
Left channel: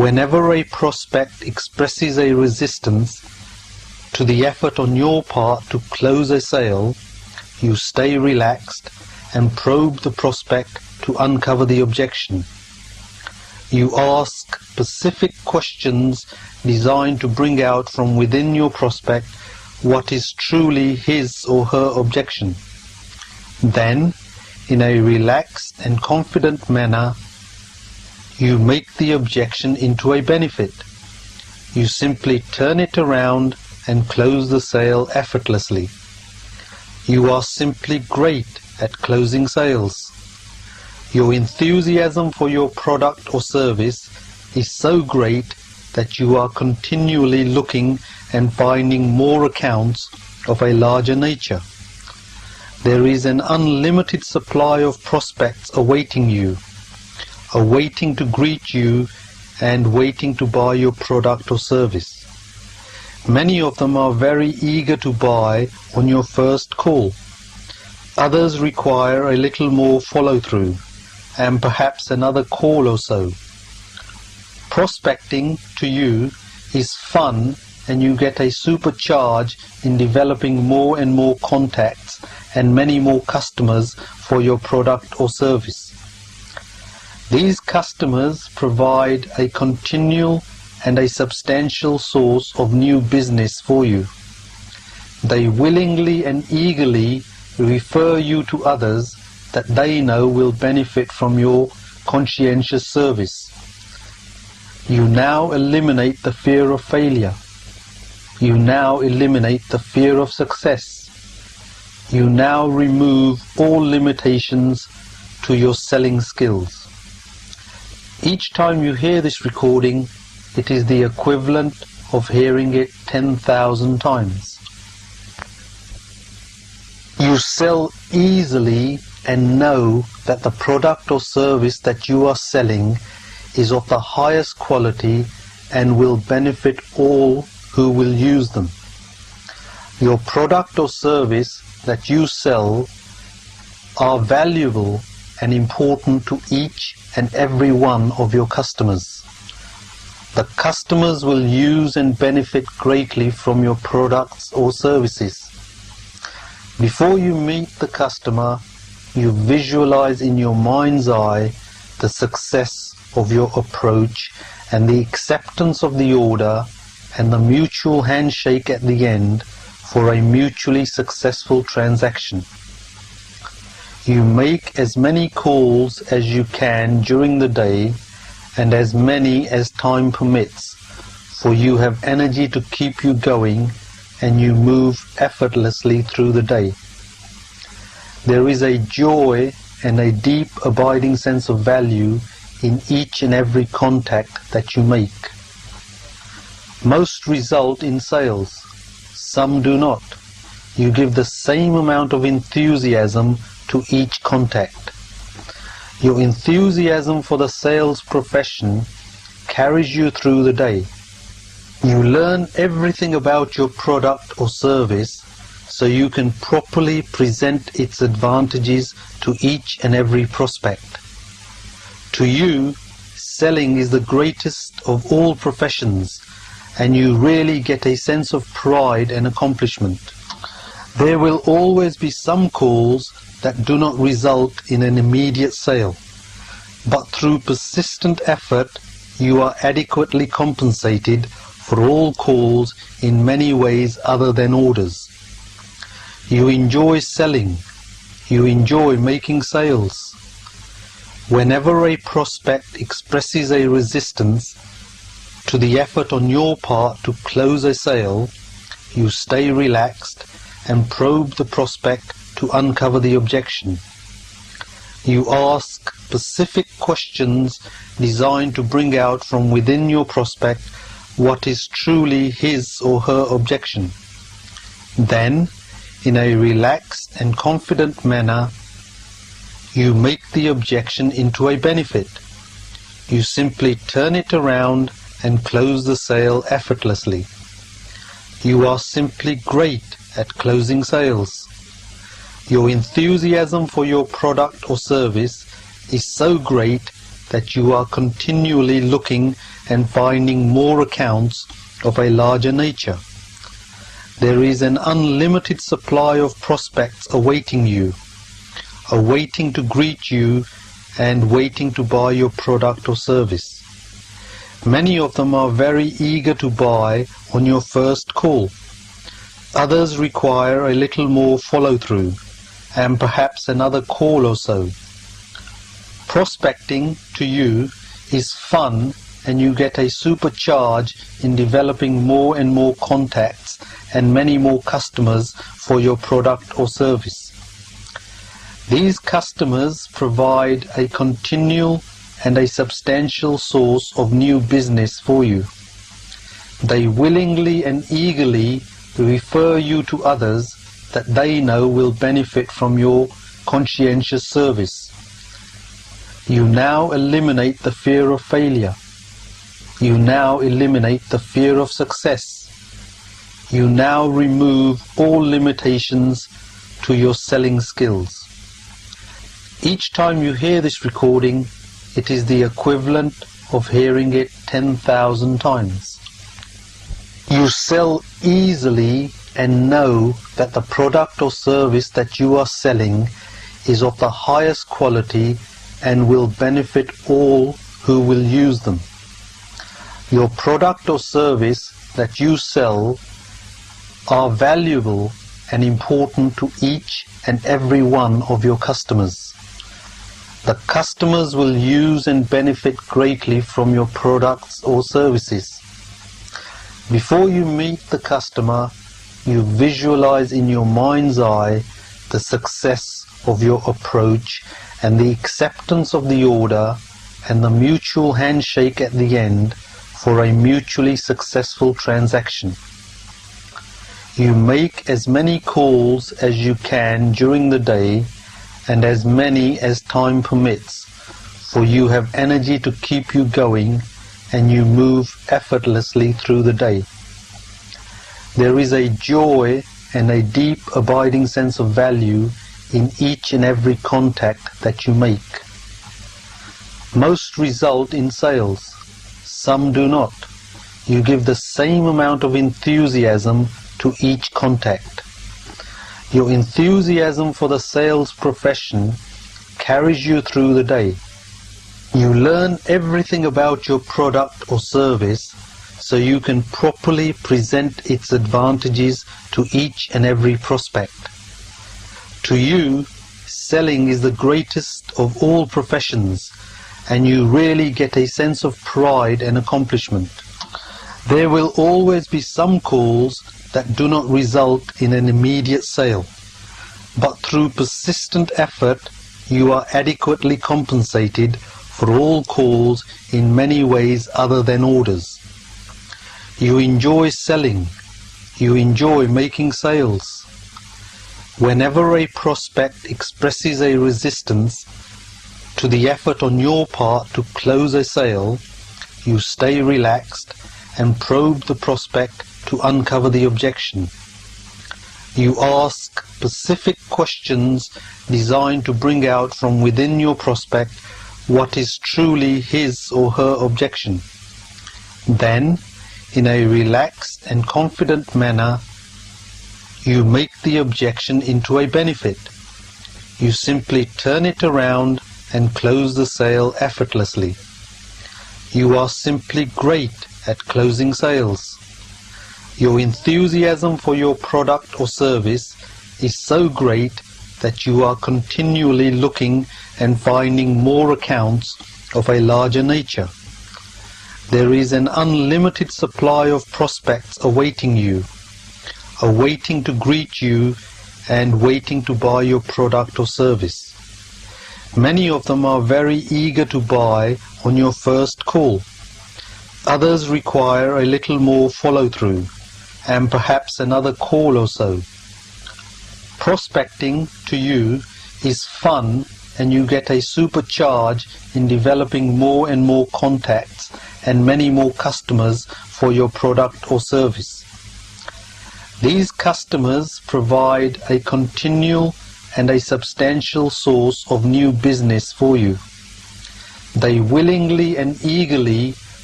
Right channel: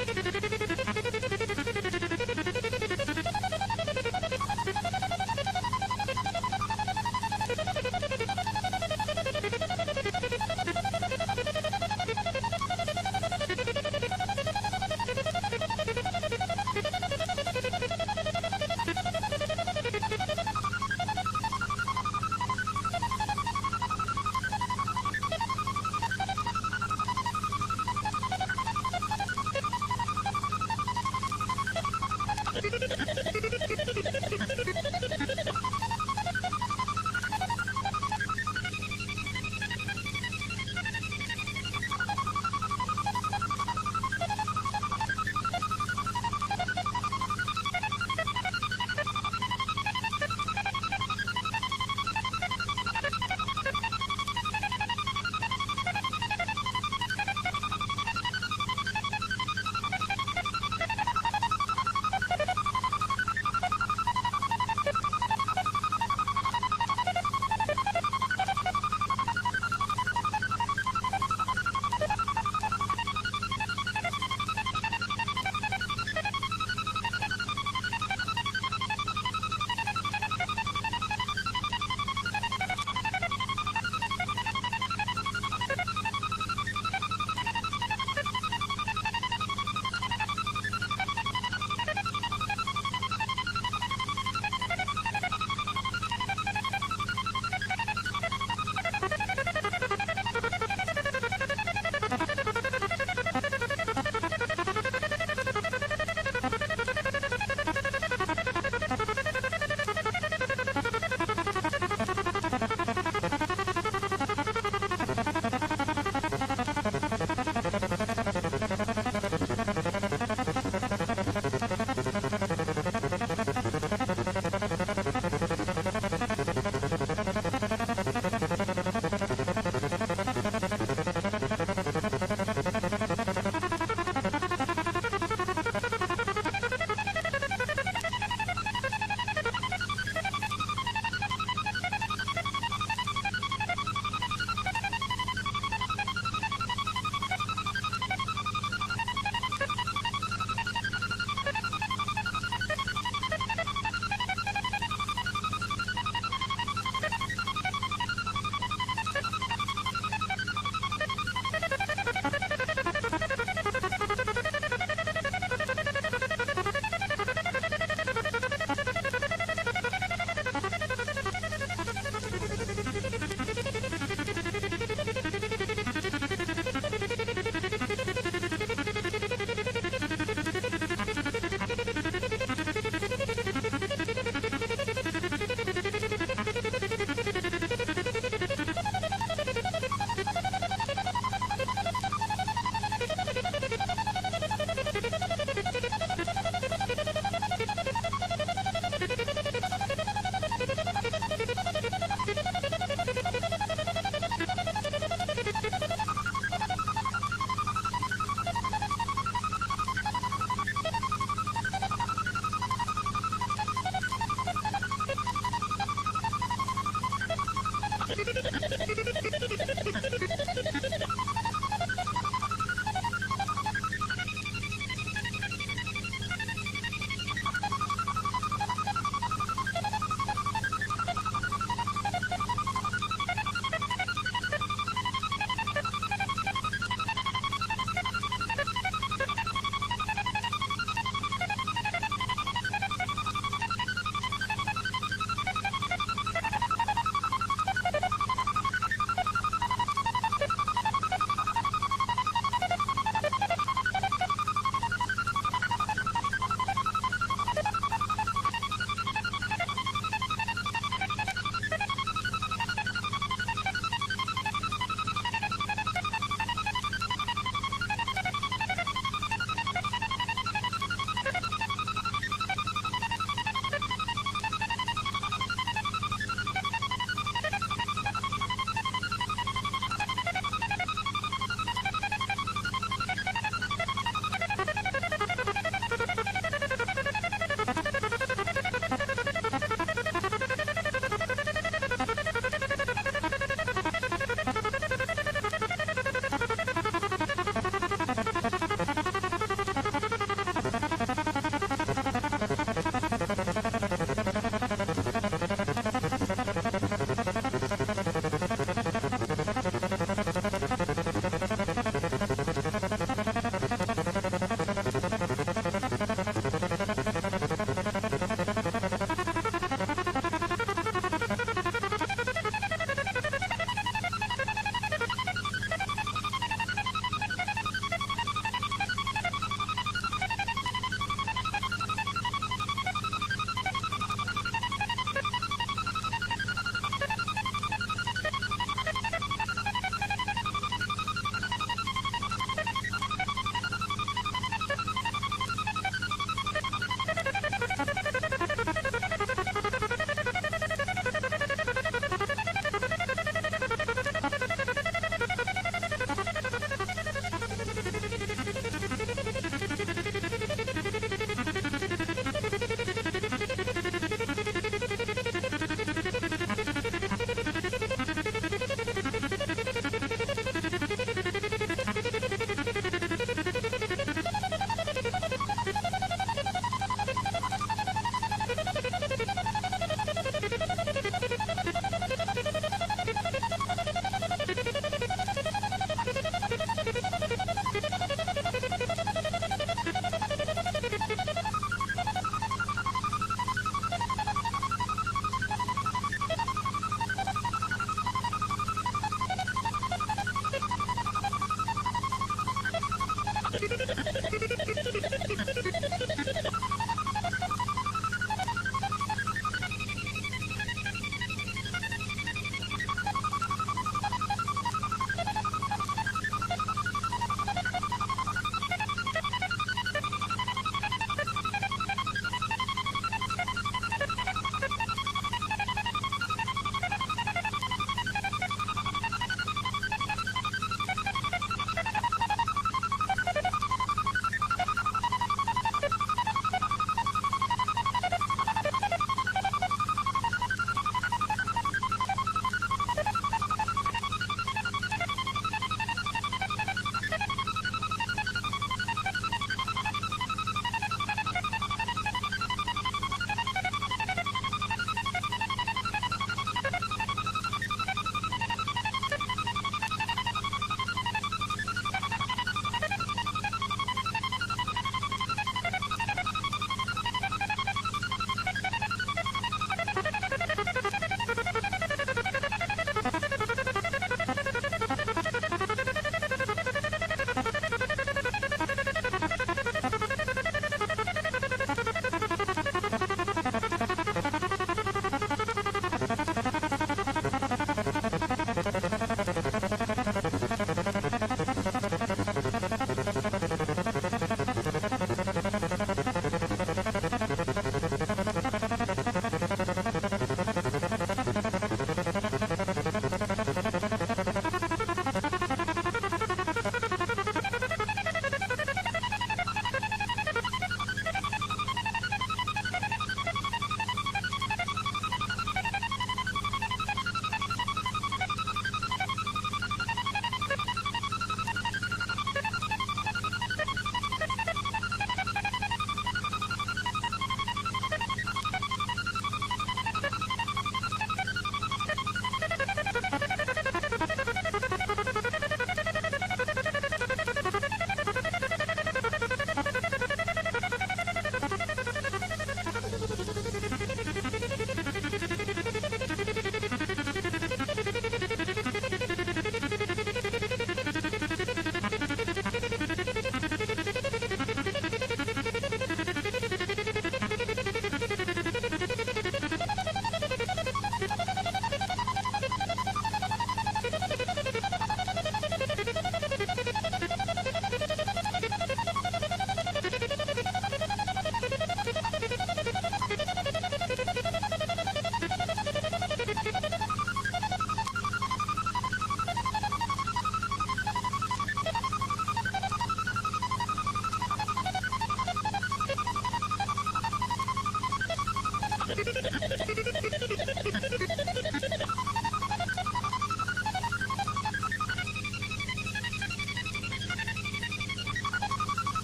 Whenever a prospect expresses a resistance to the effort on your part to close a sale, you stay relaxed and probe the prospect to uncover the objection. You ask specific questions designed to bring out from within your prospect what is truly his or her objection. Then, in a relaxed and confident manner, you make the objection into a benefit. You simply turn it around and close the sale effortlessly. You are simply great at closing sales. Your enthusiasm for your product or service is so great that you are continually looking and finding more accounts of a larger nature. There is an unlimited supply of prospects awaiting you, awaiting to greet you and waiting to buy your product or service. Many of them are very eager to buy on your first call. Others require a little more follow-through and perhaps another call or so. Prospecting to you is fun, and you get a supercharge in developing more and more contacts and many more customers for your product or service. These customers provide a continual and a substantial source of new business for you. They willingly and eagerly refer you to others that they know will benefit from your conscientious service. You now eliminate the fear of failure. You now eliminate the fear of success. You now remove all limitations to your selling skills. Each time you hear this recording, it is the equivalent of hearing it 10,000 times. You sell easily and know that the product or service that you are selling is of the highest quality and will benefit all who will use them. Your product or service that you sell are valuable and important to each and every one of your customers. The customers will use and benefit greatly from your products or services. Before you meet the customer, you visualize in your mind's eye the success of your approach and the acceptance of the order and the mutual handshake at the end for a mutually successful transaction. You make as many calls as you can during the day and as many as time permits, for you have energy to keep you going and you move effortlessly through the day. There is a joy and a deep abiding sense of value in each and every contact that you make. Most result in sales, some do not. You give the same amount of enthusiasm to each contact. Your enthusiasm for the sales profession carries you through the day. You learn everything about your product or service so you can properly present its advantages to each and every prospect. To you, selling is the greatest of all professions, and you really get a sense of pride and accomplishment. There will always be some calls that do not result in an immediate sale, but through persistent effort you are adequately compensated for all calls in many ways other than orders. You enjoy selling. You enjoy making sales. Whenever a prospect expresses a resistance to the effort on your part to close a sale, you stay relaxed and probe the prospect to uncover the objection. You ask specific questions designed to bring out from within your prospect what is truly his or her objection. Then, in a relaxed and confident manner, you make the objection into a benefit. You simply turn it around and close the sale effortlessly. You are simply great at closing sales. Your enthusiasm for your product or service is so great that you are continually looking and finding more accounts of a larger nature. There is an unlimited supply of prospects awaiting you, awaiting to greet you and waiting to buy your product or service. Many of them are very eager to buy on your first call. Others require a little more follow-through and perhaps another call or so. Prospecting to you is fun, and you get a supercharge in developing more and more contacts and many more customers for your product or service. These customers provide a continual and a substantial source of new business for you. They willingly and eagerly refer you to others that they know will benefit from your conscientious service. You now eliminate the fear of failure. You now eliminate the fear of success. You now remove all limitations to your selling skills. Each time you hear this recording, it is the equivalent of hearing it 10,000 times. You sell easily and know that the product or service that you are selling is of the highest quality and will benefit all who will use them. Your product or service that you sell are valuable and important to each and every one of your customers. The customers will use and benefit greatly from your products or services. Before you meet the customer, you visualize in your mind's eye the success of your approach and the acceptance of the order and the mutual handshake at the end for a mutually successful transaction. You make as many calls as you can during the day and as many as time permits, for you have energy to keep you going and you move effortlessly through the day. There is a joy and a deep abiding sense of value in each and every contact that you make. Most result in sales, some do not. You give the same amount of enthusiasm to each contact. Your enthusiasm for the sales profession carries you through the day. You learn everything about your product or service so you can properly present its advantages to each and every prospect. To you, selling is the greatest of all professions, and you really get a sense of pride and accomplishment. There will always be some calls that do not result in an immediate sale, but through persistent effort you are adequately compensated for all calls in many ways other than orders. You enjoy selling. You enjoy making sales. Whenever a prospect expresses a resistance to the effort on your part to close a sale, you stay relaxed and probe the prospect to uncover the objection. You ask specific questions designed to bring out from within your prospect what is truly his or her objection. Then, in a relaxed and confident manner, you make the objection into a benefit. You simply turn it around and close the sale effortlessly. You are simply great at closing sales. Your enthusiasm for your product or service is so great that you are continually looking and finding more accounts of a larger nature. There is an unlimited supply of prospects awaiting you, awaiting to greet you and waiting to buy your product or service. Many of them are very eager to buy on your first call. Others require a little more follow-through and perhaps another call or so. Prospecting to you is fun, and you get a supercharge in developing more and more contacts and many more customers for your product or service. These customers provide a continual and a substantial source of new business for you. They willingly and eagerly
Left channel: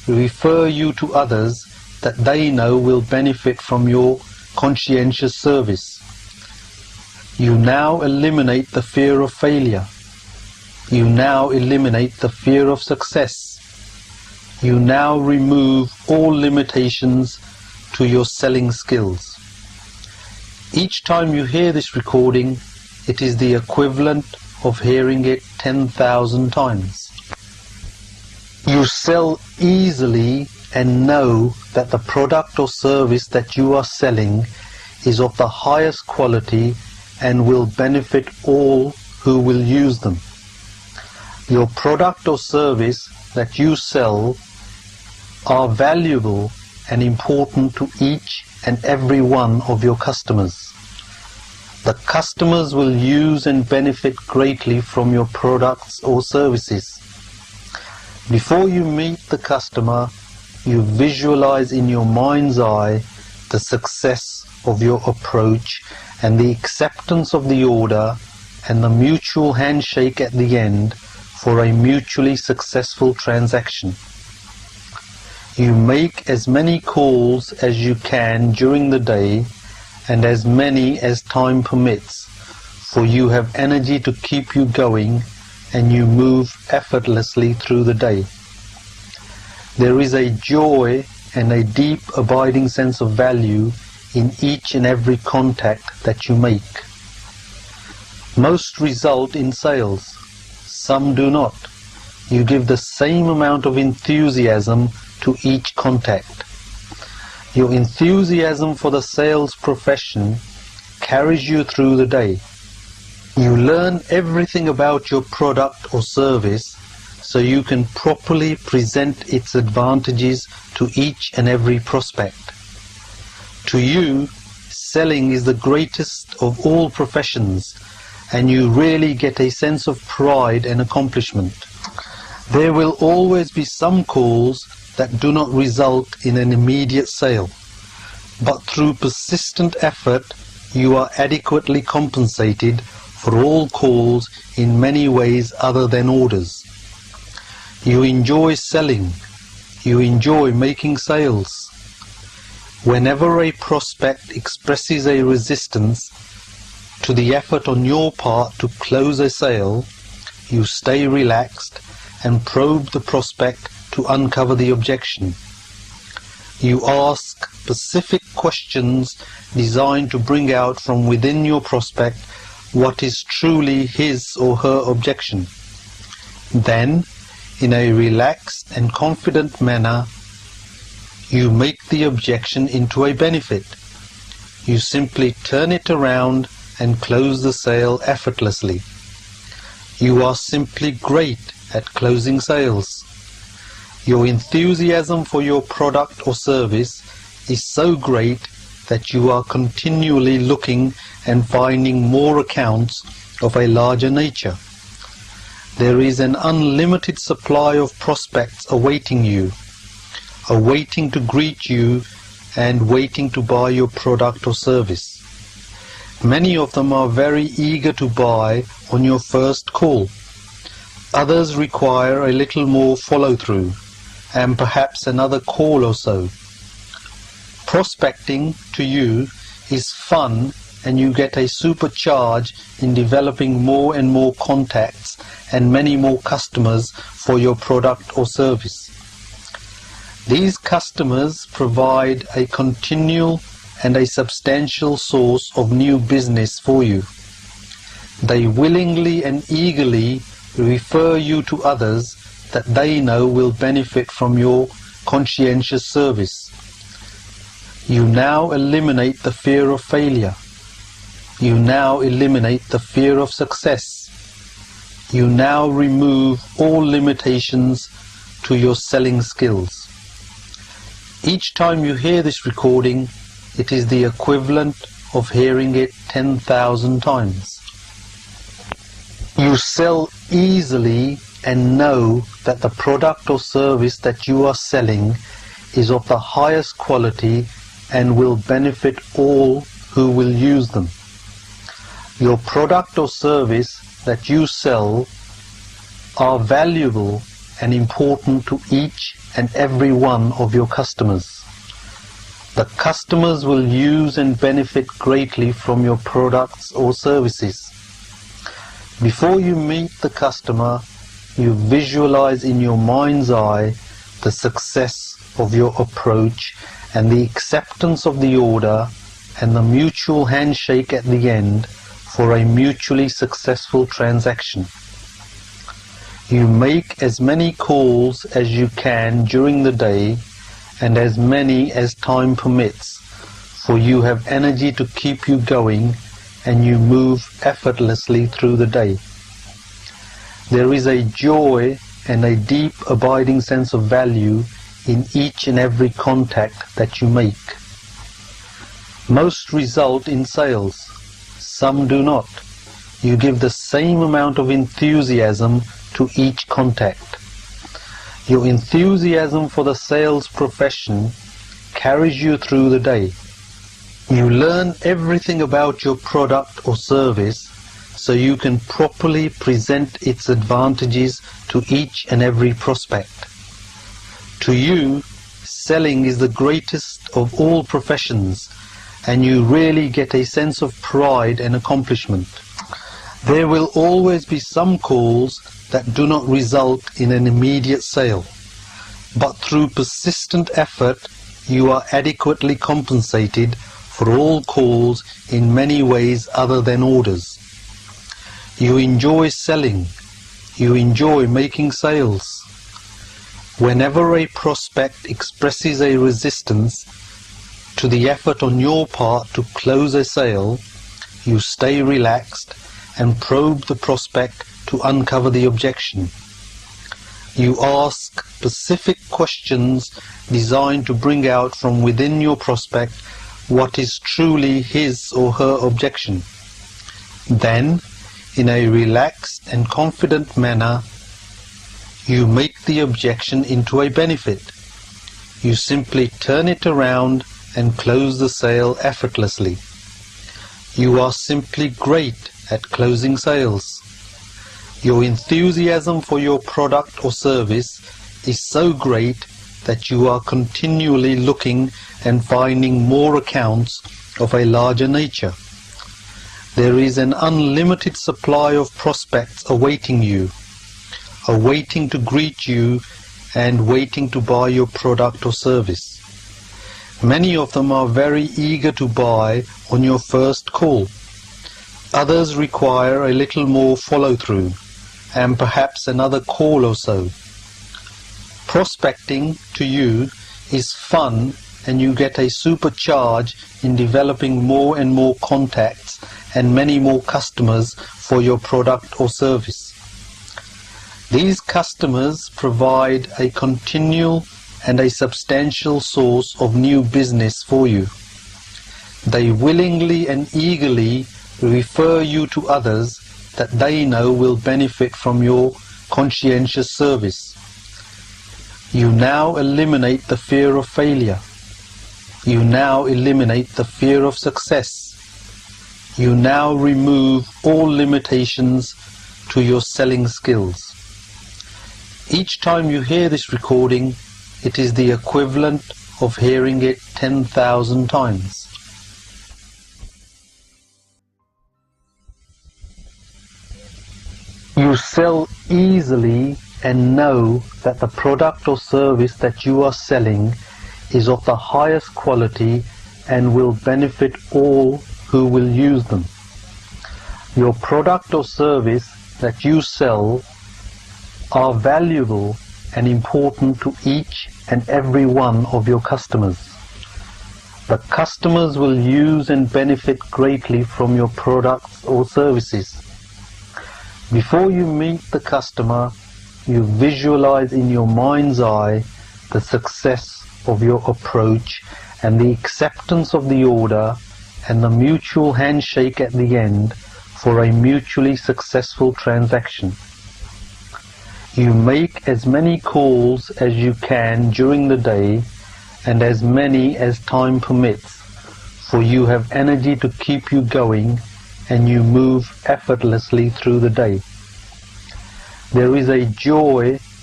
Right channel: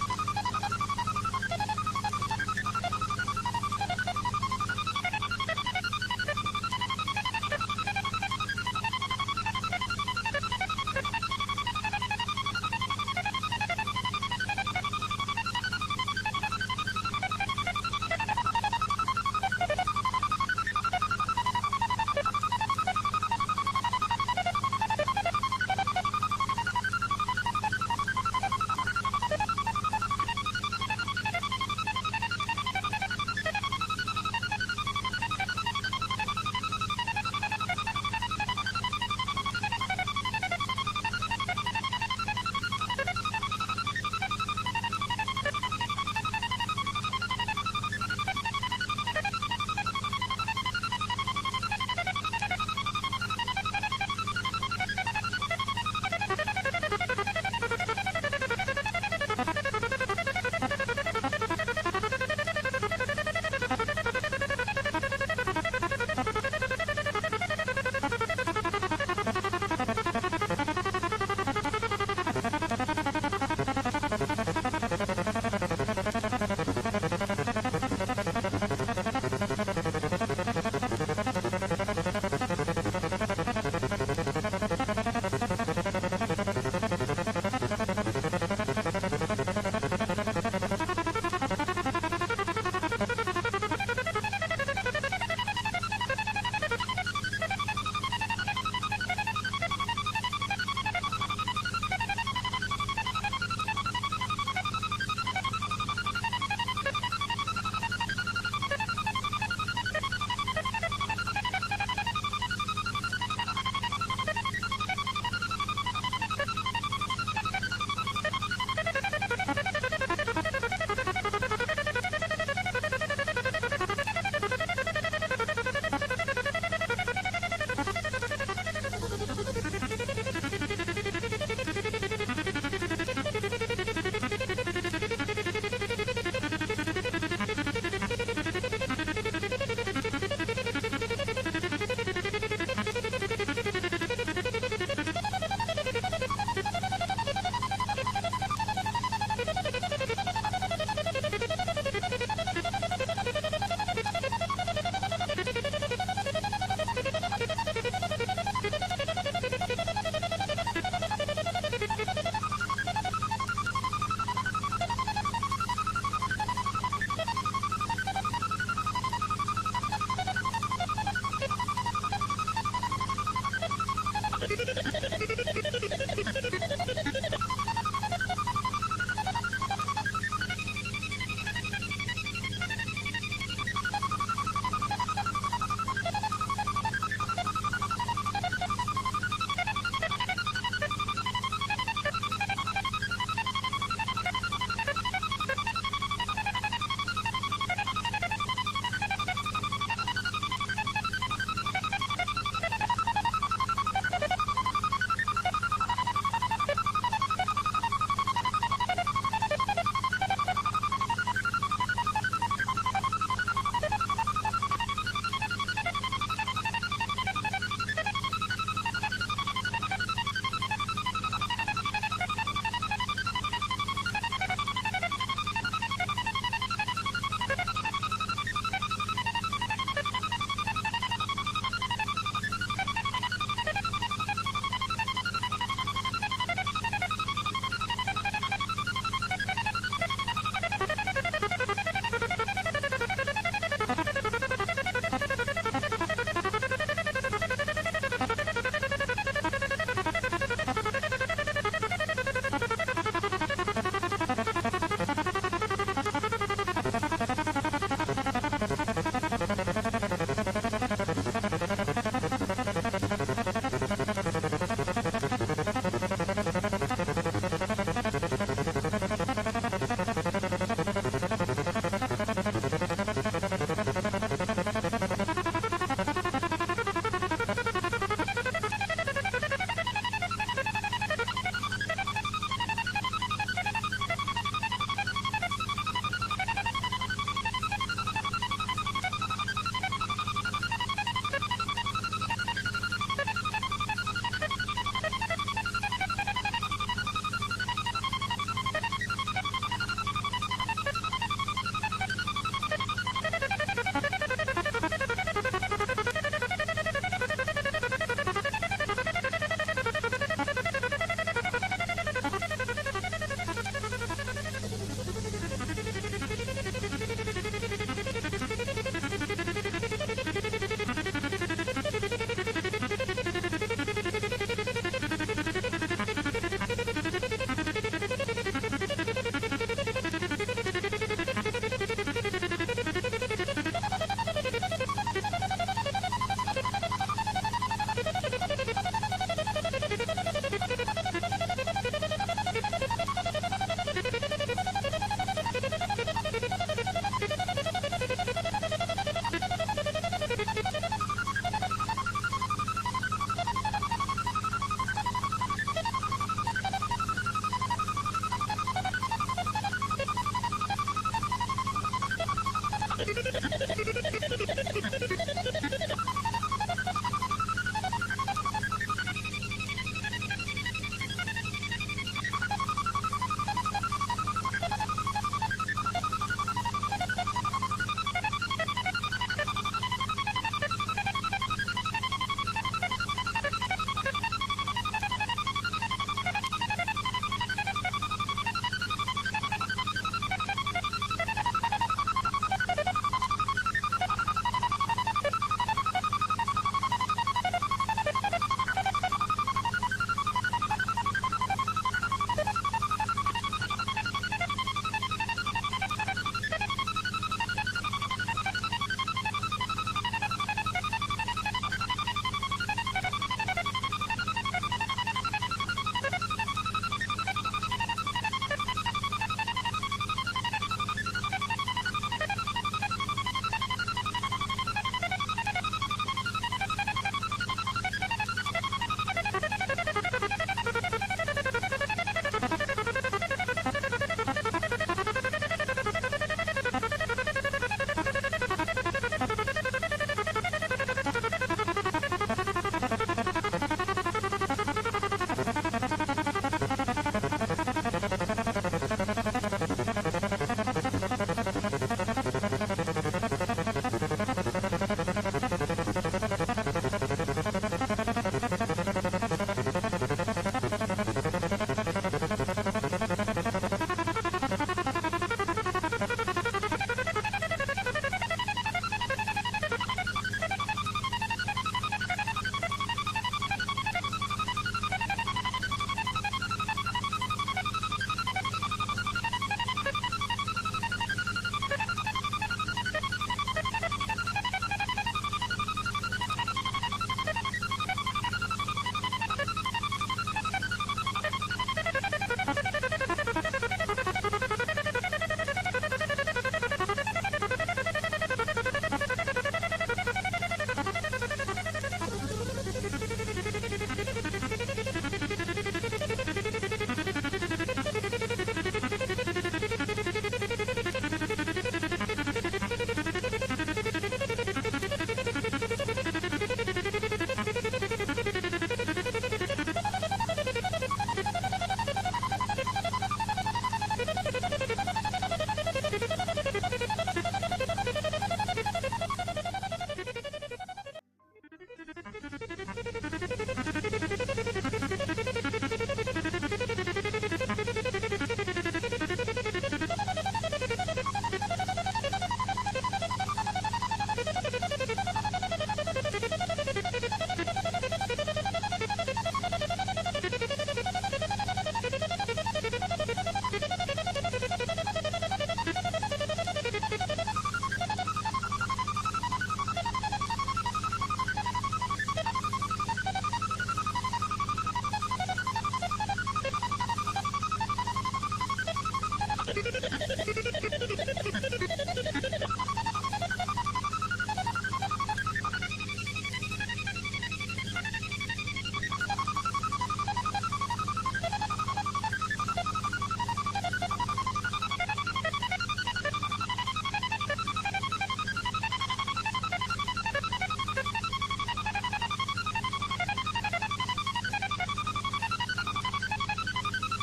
refer you to others that they know will benefit from your conscientious service. You now eliminate the fear of failure. You now eliminate the fear of success. You now remove all limitations to your selling skills. Each time you hear this recording, it is the equivalent of hearing it 10,000 times. You sell easily and know that the product or service that you are selling is of the highest quality and will benefit all who will use them. Your product or service that you sell are valuable and important to each and every one of your customers. The customers will use and benefit greatly from your products or services. Before you meet the customer, you visualize in your mind's eye the success of your approach and the acceptance of the order and the mutual handshake at the end for a mutually successful transaction. You make as many calls as you can during the day and as many as time permits, for you have energy to keep you going and you move effortlessly through the day. There is a joy and a deep abiding sense of value in each and every contact that you make. Most result in sales, some do not. You give the same amount of enthusiasm to each contact. Your enthusiasm for the sales profession carries you through the day. You learn everything about your product or service so you can properly present its advantages to each and every prospect. To you, selling is the greatest of all professions, and you really get a sense of pride and accomplishment. There will always be some calls that do not result in an immediate sale, but through persistent effort you are adequately compensated for all calls in many ways other than orders. You enjoy selling. You enjoy making sales. Whenever a prospect expresses a resistance to the effort on your part to close a sale, you stay relaxed and probe the prospect to uncover the objection. You ask specific questions designed to bring out from within your prospect what is truly his or her objection. Then, in a relaxed and confident manner, you make the objection into a benefit. You simply turn it around and close the sale effortlessly. You are simply great at closing sales. Your enthusiasm for your product or service is so great that you are continually looking and finding more accounts of a larger nature. There is an unlimited supply of prospects awaiting you, awaiting to greet you and waiting to buy your product or service. Many of them are very eager to buy on your first call. Others require a little more follow-through and perhaps another call or so. Prospecting to you is fun, and you get a supercharge in developing more and more contacts and many more customers for your product or service. These customers provide a continual and a substantial source of new business for you. They willingly and eagerly refer you to others that they know will benefit from your conscientious service. You now eliminate the fear of failure. You now eliminate the fear of success. You now remove all limitations to your selling skills. Each time you hear this recording, it is the equivalent of hearing it 10,000 times. You sell easily and know that the product or service that you are selling is of the highest quality and will benefit all who will use them. Your product or service that you sell are valuable and important to each and every one of your customers. The customers will use and benefit greatly from your products or services. Before you meet the customer, you visualize in your mind's eye the success of your approach and the acceptance of the order and the mutual handshake at the end for a mutually successful transaction. You make as many calls as you can during the day and as many as time permits, for you have energy to keep you going and you move effortlessly through the day. There is a joy and a deep abiding sense of value in each and every contact that you make. Most result in sales, some do not. You give the same amount of enthusiasm to each contact. Your enthusiasm for the sales profession carries you through the day. You learn everything about your product or service so you can properly present its advantages to each and every prospect. To you, selling is the greatest of all professions, and you really get a sense of pride and accomplishment. There will always be some calls that do not result in an immediate sale, but through persistent effort you are adequately compensated for all calls in many ways other than orders. You enjoy selling, you enjoy making sales. Whenever a prospect expresses a resistance to the effort on your part to close a sale, you stay relaxed and probe the prospect to uncover the objection. You ask specific questions designed to bring out from within your prospect what is truly his or her objection. Then, in a relaxed and confident manner, you make the objection into a benefit. You simply turn it around and close the sale effortlessly. You are simply great at closing sales. Your enthusiasm for your product or service is so great that you are continually looking and finding more accounts of a larger nature. There is an unlimited supply of prospects awaiting you, awaiting to greet you and waiting to buy your product or service. Many of them are very eager to buy on your first call. Others require a little more follow-through and perhaps another call or so. Prospecting to you is fun, and you get a supercharge in developing more and more contacts and many more customers for your product or service. These customers provide a continual and a substantial source of new business for you. They willingly and eagerly refer you to others that they know will benefit from your conscientious service. You now eliminate the fear of failure. You now eliminate the fear of success. You now remove all limitations to your selling skills. Each time you hear this recording, it is the equivalent of hearing it 10,000 times. You sell easily and know that the product or service that you are selling is of the highest quality and will benefit all who will use them. Your product or service that you sell are valuable and important to each and every one of your customers. The customers will use and benefit greatly from your products or services. Before you meet the customer, you visualize in your mind's eye the success of your approach and the acceptance of the order and the mutual handshake at the end for a mutually successful transaction. You make as many calls as you can during the day and as many as time permits, for you have energy to keep you going and you move effortlessly through the day. There is a joy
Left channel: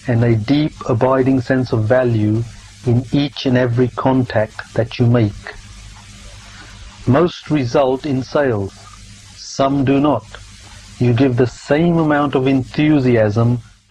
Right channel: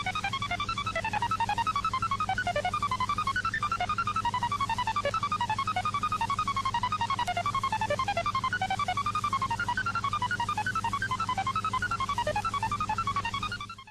and a deep, abiding sense of value in each and every contact that you make. Most result in sales, some do not. You give the same amount of enthusiasm